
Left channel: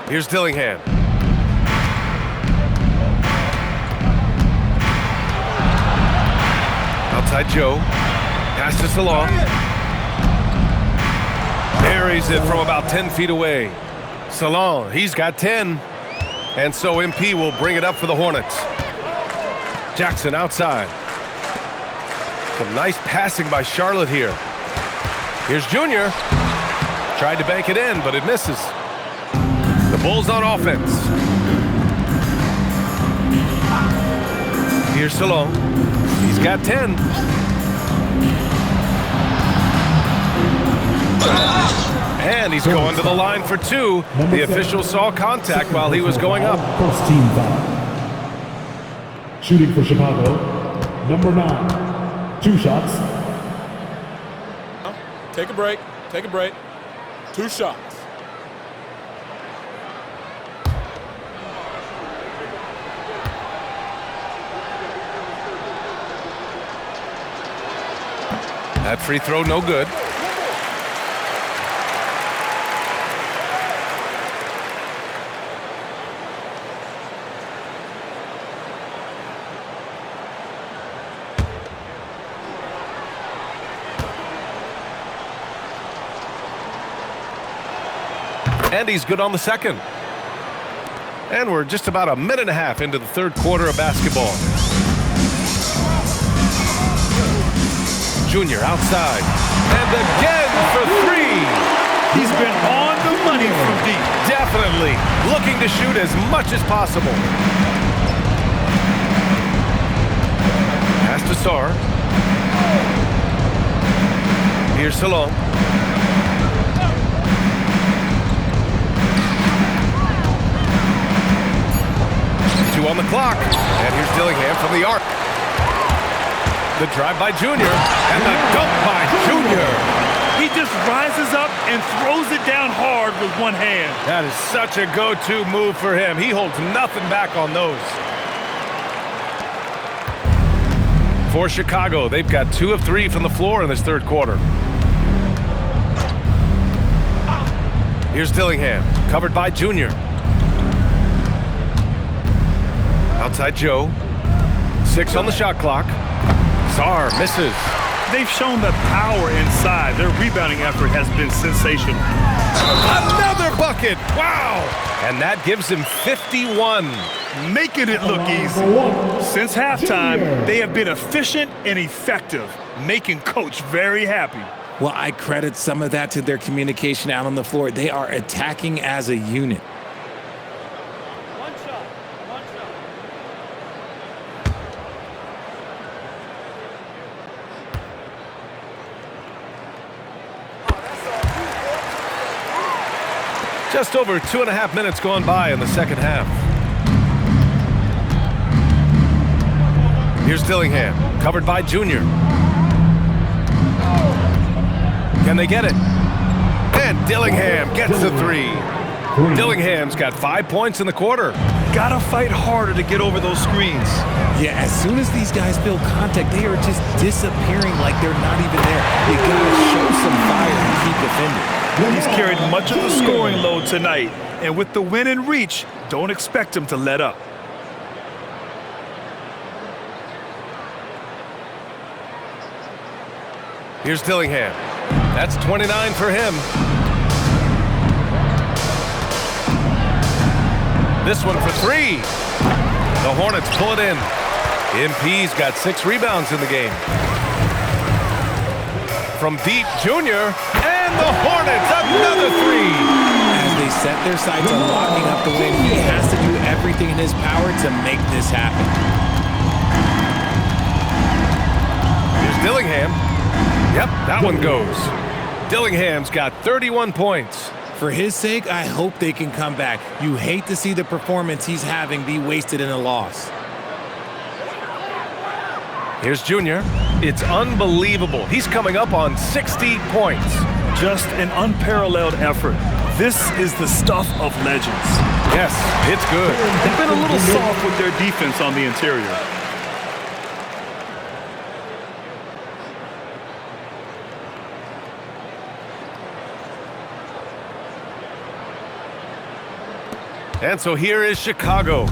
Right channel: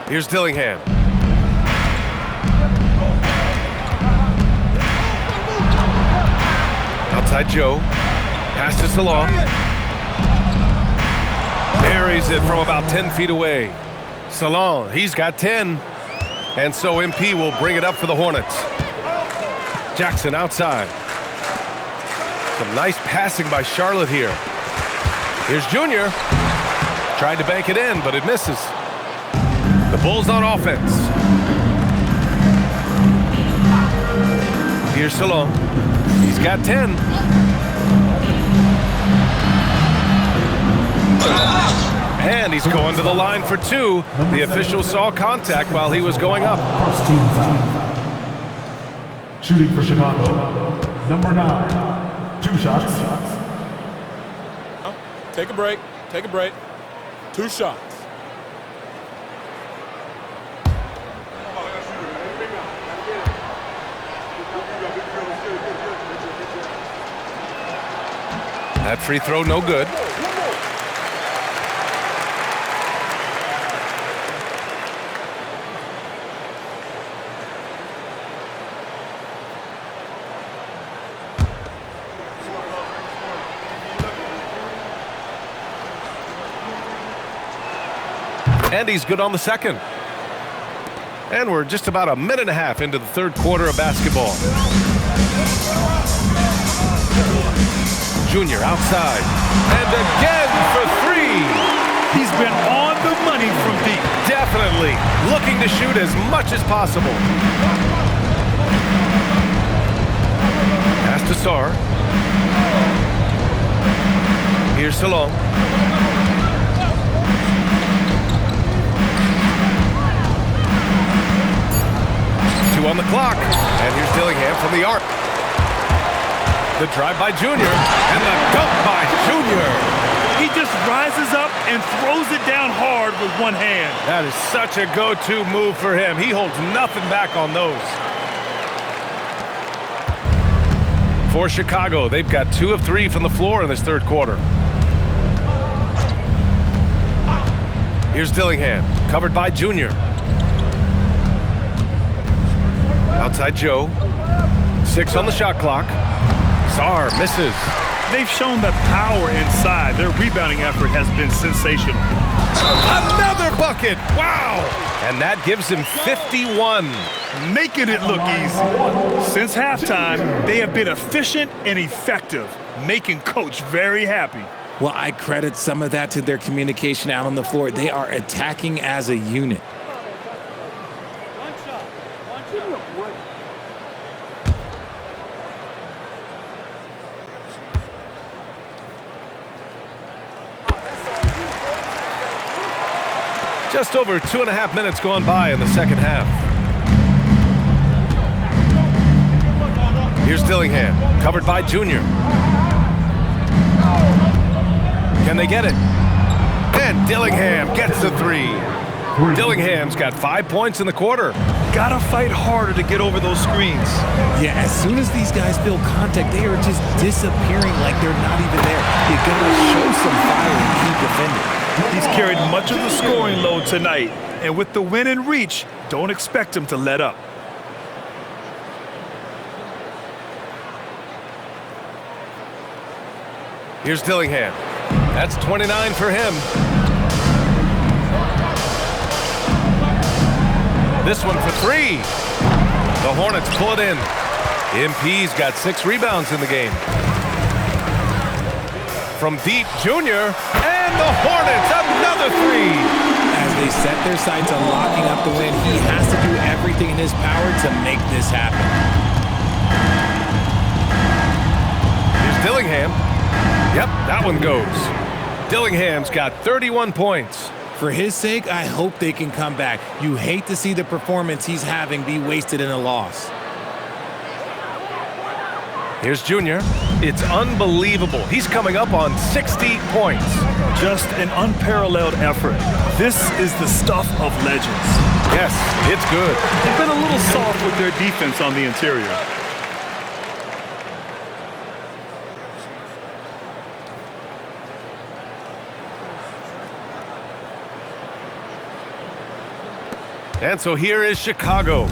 Here's Dillingham. Outside Joe. Passes along. Buries it from about 10 feet away. Salon, he's got 10. And so MP will bring it up for the Hornets. Jackson outside. Some nice passing by Charlotte here. Here's Junior. Tried to bank it in, but it misses. The Bulls on offense. Here's Salon. He's got 10. And he's going to the line for 2. The official saw contact while he was going up. First team foul. Shooting for Chicago, number 9. 2 shots. Take a break. Take a break. 2 shots. That free throw no good. And he's good on the second. And we're just about a minute and a half into the third quarter of basketball. Junior outside. And again for 3. He's been on the money from deep. Definitely looking to shoot as much as possible. Pass to Sarr. Here's Salon. Two on the clock. And here's Dillingham from the arc. The drive by Junior. And the dunk by Junior. He just rises up and throws it down hard with one hand. That is such a go-to move for him. He holds nothing back on those. For Chicago, they've got 2 of 3 from the floor in this third quarter. Here's Dillingham, covered by Junior. Outside Joe. 6 on the shot clock. Sarr misses. They've shown that power inside. Their rebounding effort has been sensational. Another bucket! Wow! And that gives him 51. Making it look easy. Since halftime, they have been efficient and effective, making Coach very happy. Well, I credit some of that to their communication out on the floor. They are attacking as a unit. One shot. One shot. Just over 2.5 minutes gone by in the second half. Here's Dillingham, covered by Junior. Can they get it? And Dillingham gets the 3. Dillingham's got 5 points in the quarter. Gotta fight harder to get over those screens. Yeah, as soon as these guys feel contact, they are just disappearing like they're not even there. You gotta show some fire and keep defending. He's carried much of the scoring load tonight, and with the win in reach, don't expect him to let up. Here's Dillingham. That's 29 for him. This one for 3. The Hornets pull it in. MP's got 6 rebounds in the game. From deep, Junior, and the Hornets, another 3. As they set their sights on locking up the win, he has to do everything in his power to make this happen. Here's Dillingham. Yep, that one goes. Dillingham's got 31 points. For his sake, I hope they can come back. You hate to see the performance he's having be wasted in a loss. Here's Junior. It's unbelievable. He's coming up on 60 points. Just an unparalleled effort. This is the stuff of legends. Yes, it's good. They've been a little soft with their defense on the interior. And so here is Chicago.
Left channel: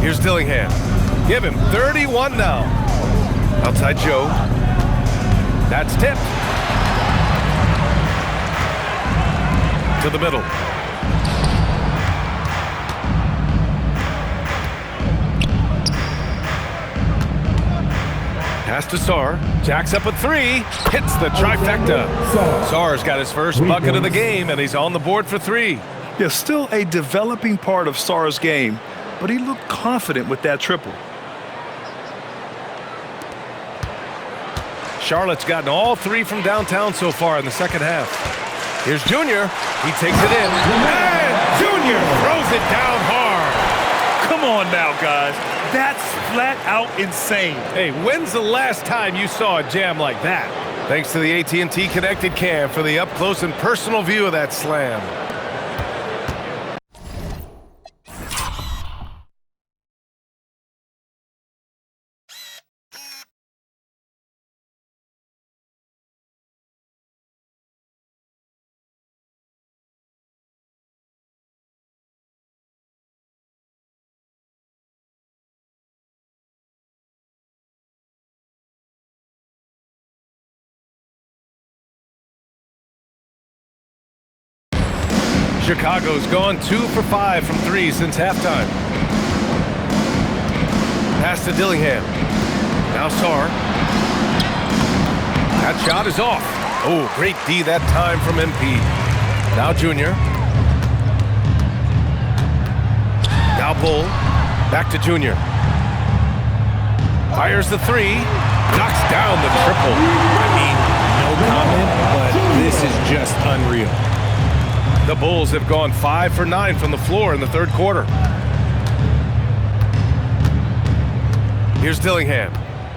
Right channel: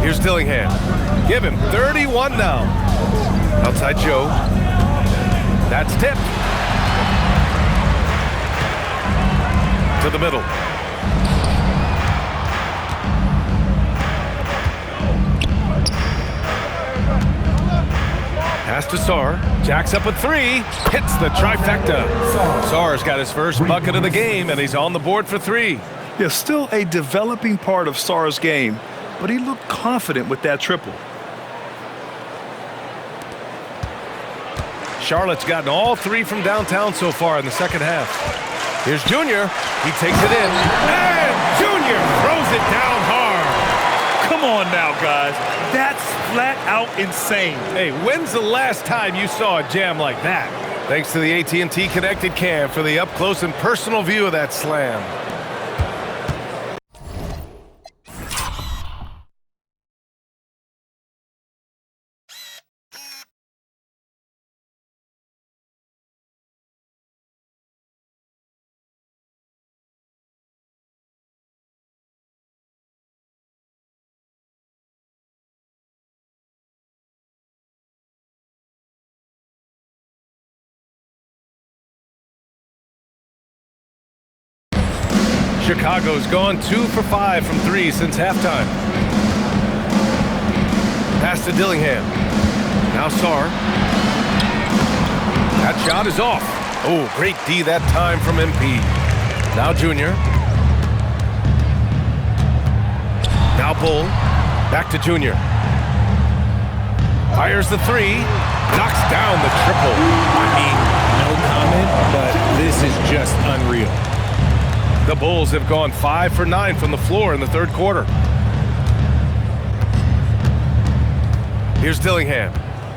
Here's Dillingham. Give him 31 now. Outside Joe. That's tipped. To the middle. Pass to Sarr. Jacks up a three. Hits the trifecta. Sarr's got his first bucket of the game, and he's on the board for three. Yeah, still a developing part of Sarr's game, but he looked confident with that triple. Charlotte's gotten all three from downtown so far in the second half. Here's Junior. He takes it in. And Junior throws it down hard. Come on now, guys. That's flat out insane. Hey, when's the last time you saw a jam like that? Thanks to the AT&T Connected Cam for the up-close and personal view of that slam. Chicago's gone 2 for 5 from three since halftime. Pass to Dillingham. Now Sarr. That shot is off. Oh, great D that time from MP. Now Junior. Now Bull. Back to Junior. Fires the three. Knocks down the triple. I mean, no comment, but this is just unreal. The Bulls have gone 5 for 9 from the floor in the third quarter. Here's Dillingham.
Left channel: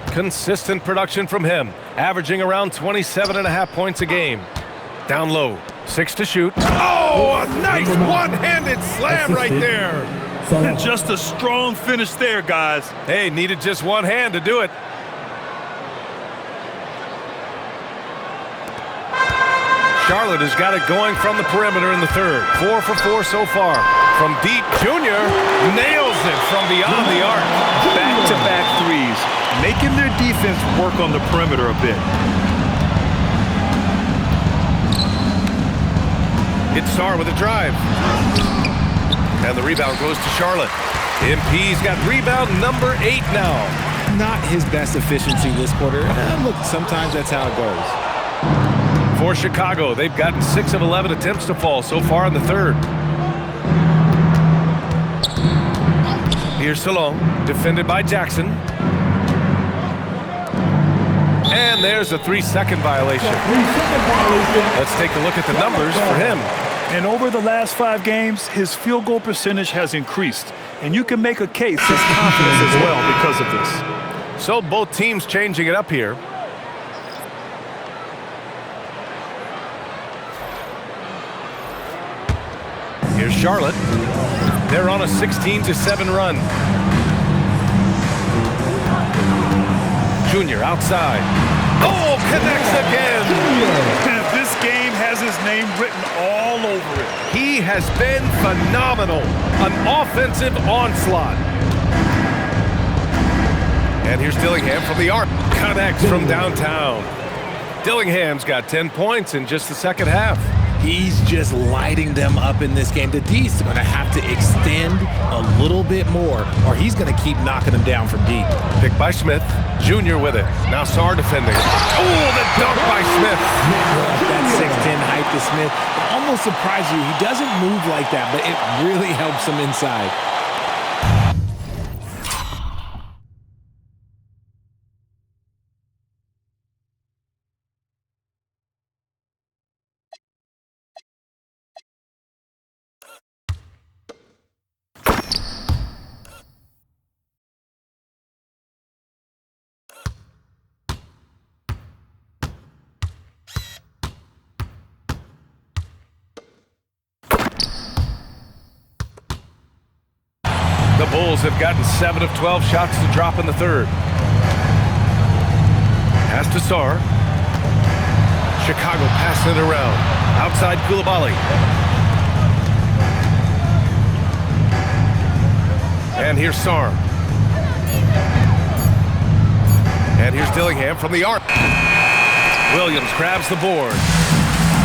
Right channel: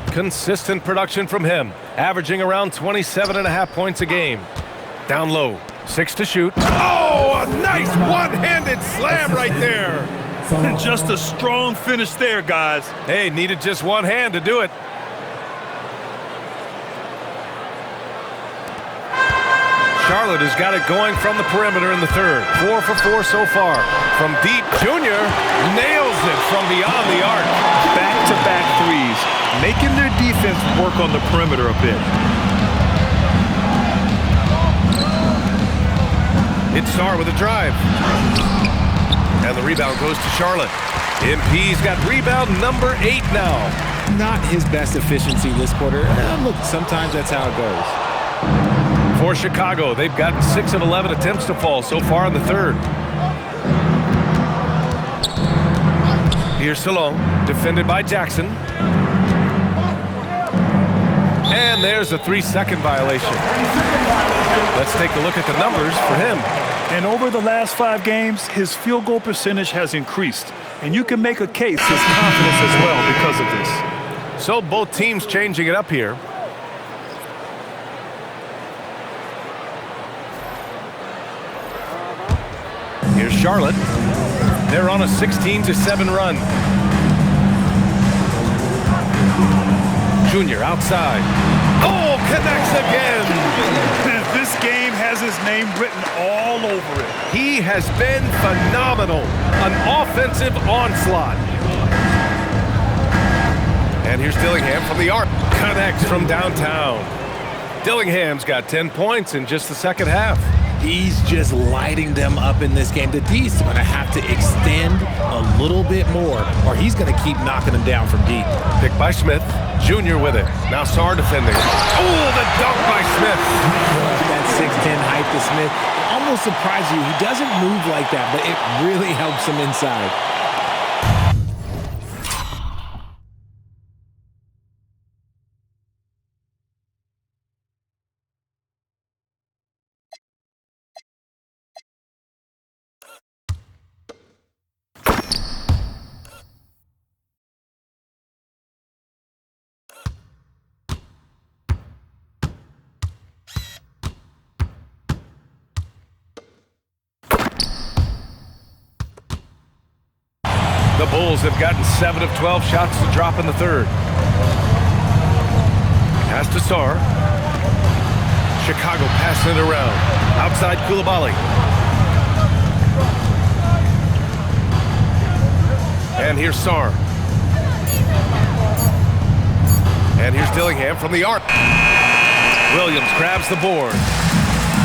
Consistent production from him, averaging around 27.5 points a game. Down low, 6 to shoot. Oh, a nice one-handed slam right there. Just a strong finish there, guys. Hey, needed just one hand to do it. Charlotte has got it going from the perimeter in the third. 4 for 4 so far. From deep, Junior nails it from beyond the arc. Back-to-back threes, making their defense work on the perimeter a bit. It's Sarr with a drive. And the rebound goes to Charlotte. MP's got rebound number 8 now. Not his best efficiency this quarter. Look, sometimes that's how it goes. For Chicago, they've gotten 6 of 11 attempts to fall so far in the third. Here's Salon, defended by Jackson. And there's a 3-second violation. Let's take a look at the numbers for him. And over the last 5 games, his field goal percentage has increased. And you can make a case his confidence as well because of this. So both teams changing it up here. Here's Charlotte. They're on a 16-7 run. Junior outside. Oh, connects again. This game has his name written all over it. He has been phenomenal. An offensive onslaught. And here's Dillingham from the arc. Connects from downtown. Dillingham's got 10 points in just the second half. He's just lighting them up in this game. The D's going to have to extend a little bit more, or he's going to keep knocking them down from deep. Picked by Smith. Junior with it. Now Sarr defending. Oh, the dunk by Smith. That 6'10" height to Smith. It almost surprised you. He doesn't move like that, but it really helps him inside. The Bulls have gotten 7 of 12 shots to drop in the third. Pass to Sarr. Chicago passing it around. Outside Koulibaly. And here's Sarr. And here's Dillingham from the arc. Williams grabs the board.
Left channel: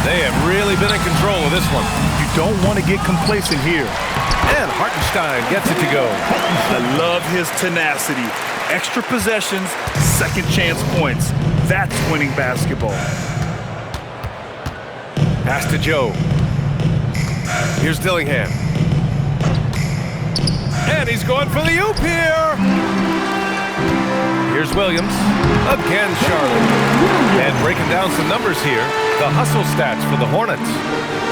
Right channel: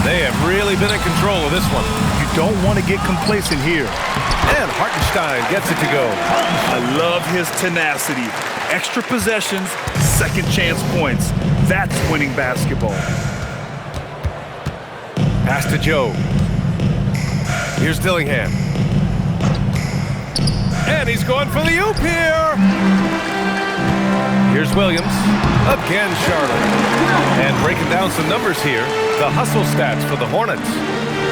They have really been in control of this one. You don't want to get complacent here. And Hartenstein gets it to go. I love his tenacity. Extra possessions, second chance points. That's winning basketball. Pass to Joe. Here's Dillingham. And he's going for the oop here. Here's Williams. Again, Charlotte. And breaking down some numbers here, the hustle stats for the Hornets.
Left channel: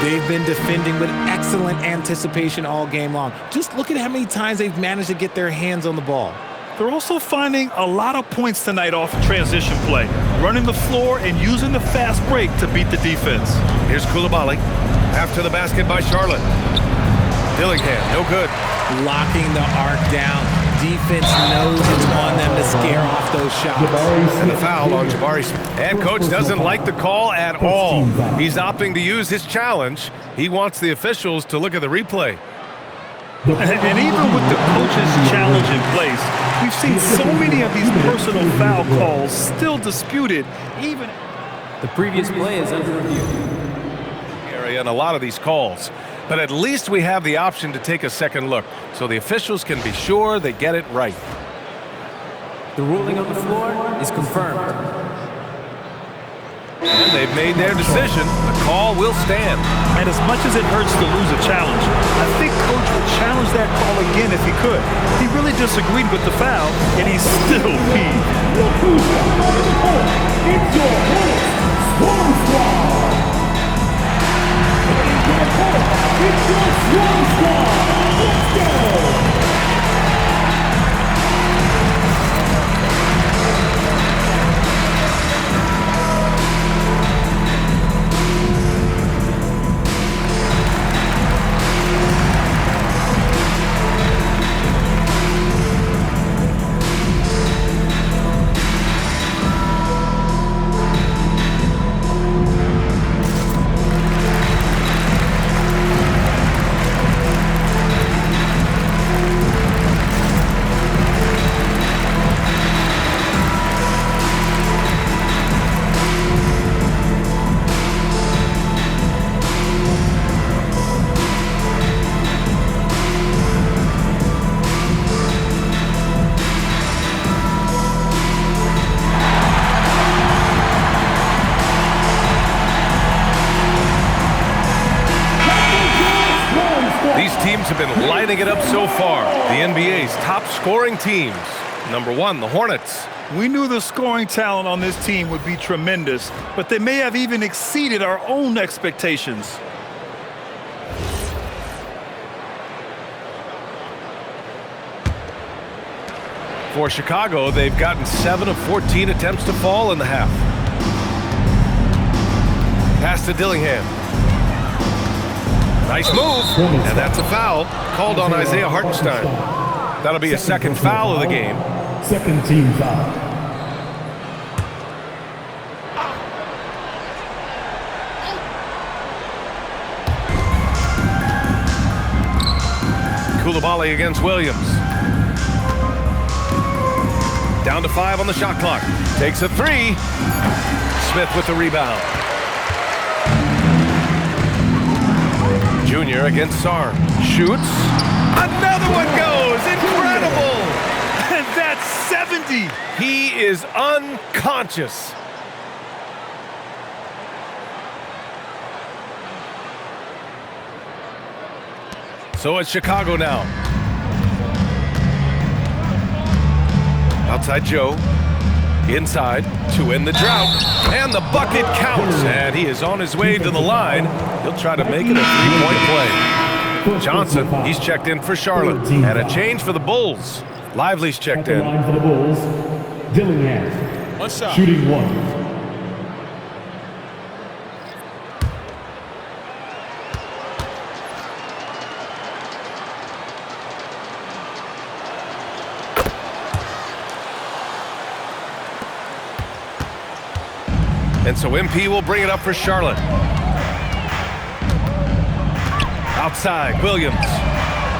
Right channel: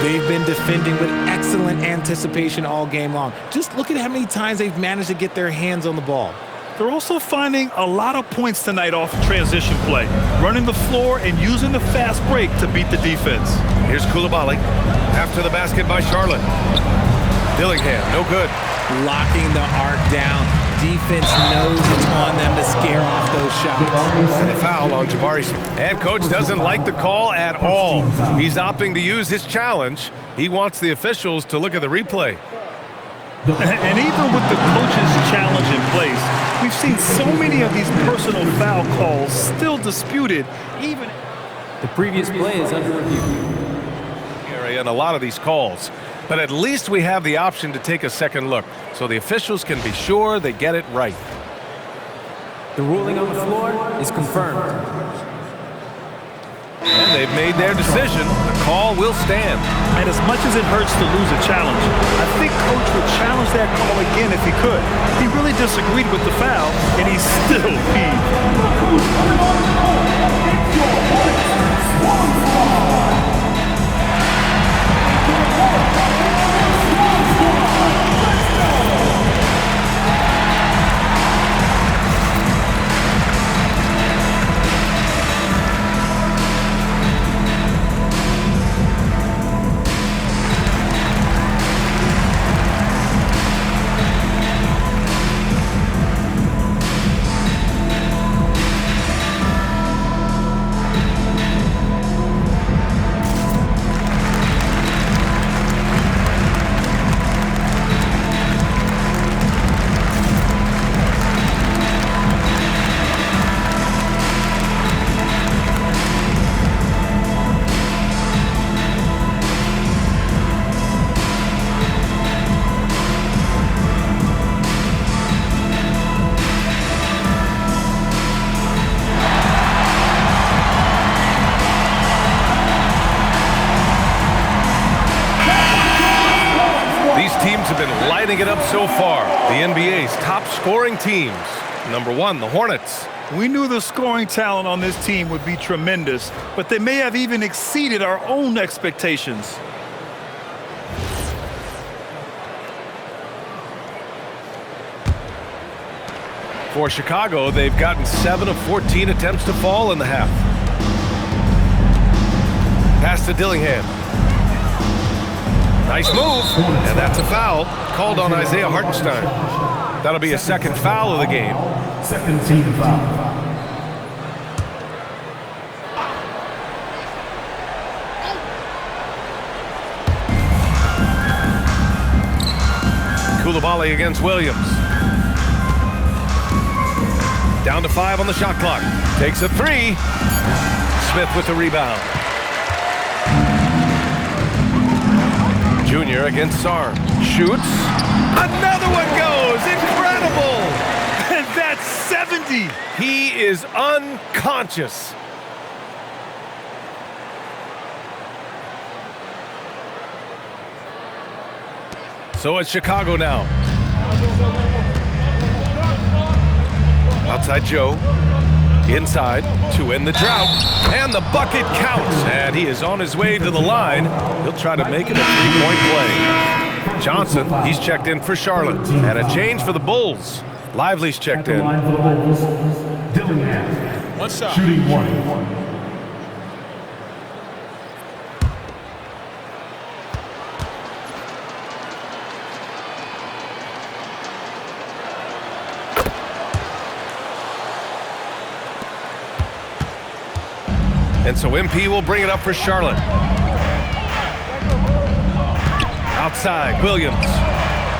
They've been defending with excellent anticipation all game long. Just look at how many times they've managed to get their hands on the ball. They're also finding a lot of points tonight off transition play, running the floor and using the fast break to beat the defense. Here's Koulibaly. After the basket by Charlotte. Dillingham, no good. Locking the arc down. Defense knows it's on them to scare off those shots. And the foul on Jabari. And coach doesn't like the call at all. He's opting to use his challenge. He wants the officials to look at the replay. And even with the coach's challenge in place, we've seen so many of these personal foul calls still disputed, even the previous play is under review. And a lot of these calls. But at least we have the option to take a second look, so the officials can be sure they get it right. The ruling on the floor is confirmed. And they've made their decision. The call will stand. And as much as it hurts to lose a challenge, I think Coach would challenge that call again if he could. He really disagreed with the foul, and he's still peeved. Look who's coming onto the court. It's your Hornets Swarm Squad. Into the court. It's your Swarm Squad. Let's go. These teams have been lighting it up so far. The NBA's top scoring teams. Number one, the Hornets. We knew the scoring talent on this team would be tremendous, but they may have even exceeded our own expectations. For Chicago, they've gotten 7 of 14 attempts to fall in the half. Pass to Dillingham. Nice move, and that's a foul called on Isaiah Hartenstein. That'll be a second foul of the game. Second team foul. Koulibaly against Williams. Down to 5 on the shot clock. Takes a 3. Smith with the rebound. Junior against Sarr. Shoots. Another one goes. Incredible. And that's 70. He is unconscious. So it's Chicago now. Outside Joe. Inside to end the drought. And the bucket counts. And he is on his way to the line. He'll try to make it a three-point play. Johnson, he's checked in for Charlotte. And a change for the Bulls. Lively's checked in. Line for the Bulls. Dillingham. One shot. Shooting 1. And so MP will bring it up for Charlotte. Outside, Williams.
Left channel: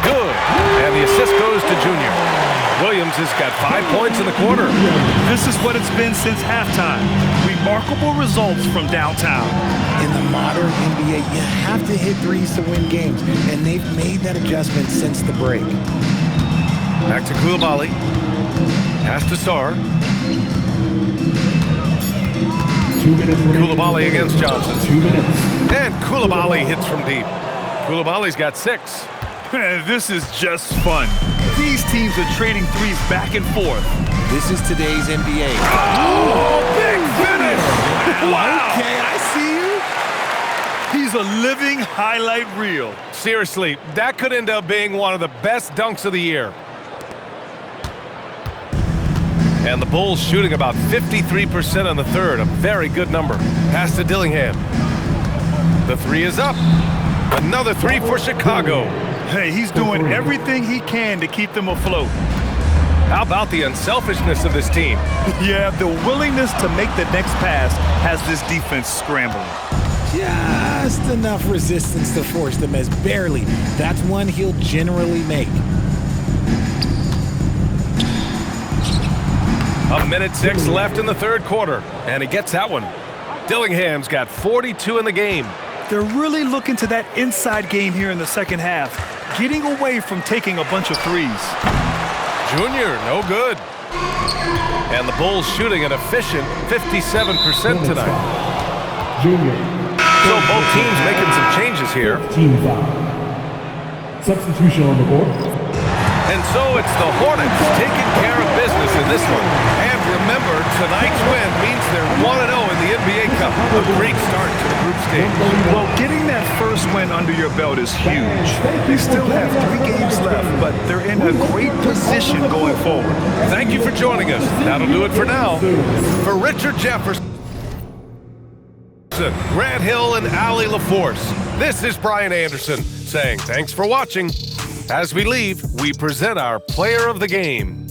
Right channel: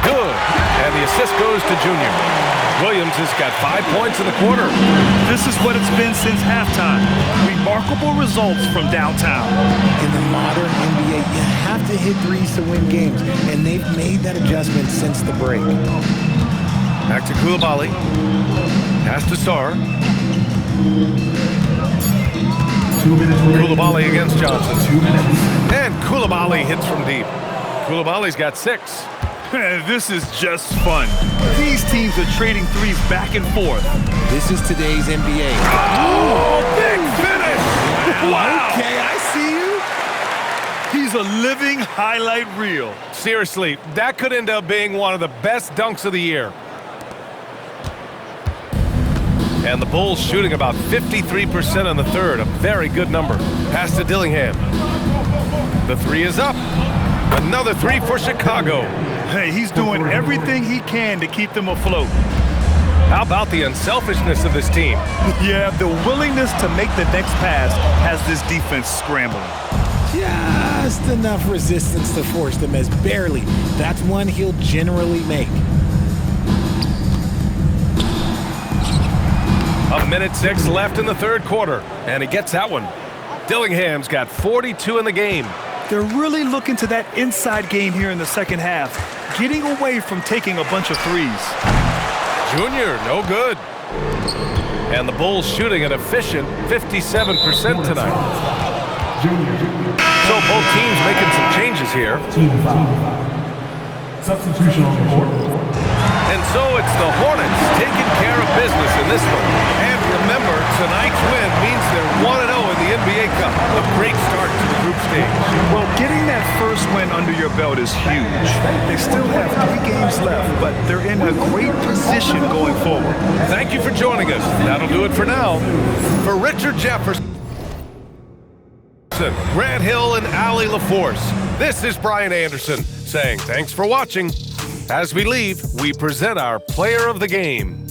Good. And the assist goes to Junior. Williams has got 5 points in the quarter. This is what it's been since halftime. Remarkable results from downtown. In the modern NBA, you have to hit threes to win games, and they've made that adjustment since the break. Back to Koulibaly. Pass to Sarr. 2 minutes. Koulibaly against Johnson. 2 minutes. And Koulibaly hits from deep. Koulibaly's got 6. This is just fun. These teams are trading threes back and forth. This is today's NBA. Oh, big finish! Wow! Okay, I see you. He's a living highlight reel. Seriously, that could end up being one of the best dunks of the year. And the Bulls shooting about 53% in the third, a very good number. Pass to Dillingham. The 3 is up. Another 3 for Chicago. Hey, he's doing everything he can to keep them afloat. How about the unselfishness of this team? Yeah, the willingness to make the next pass has this defense scrambling. Just enough resistance to force them as barely. That's one he'll generally make. 1:06 left in the third quarter, and he gets that one. Dillingham's got 42 in the game. They're really looking to that inside game here in the second half, getting away from taking a bunch of threes. Junior, no good. And the Bulls shooting an efficient 57% tonight. Junior. So both teams making some changes here. Team foul. Substitution on the court. And so it's the Hornets taking care of business in this one. And remember, tonight's win means they're 1-0 in the NBA Cup. A great start to the group stage. Well, getting that first win under your belt is huge. They still have 3 games left, but they're in a great position going forward. Thank you for joining us. That'll do it for now. For Richard Jefferson, Grant Hill, and Allie LaForce, this is Brian Anderson saying thanks for watching. As we leave, we present our player of the game.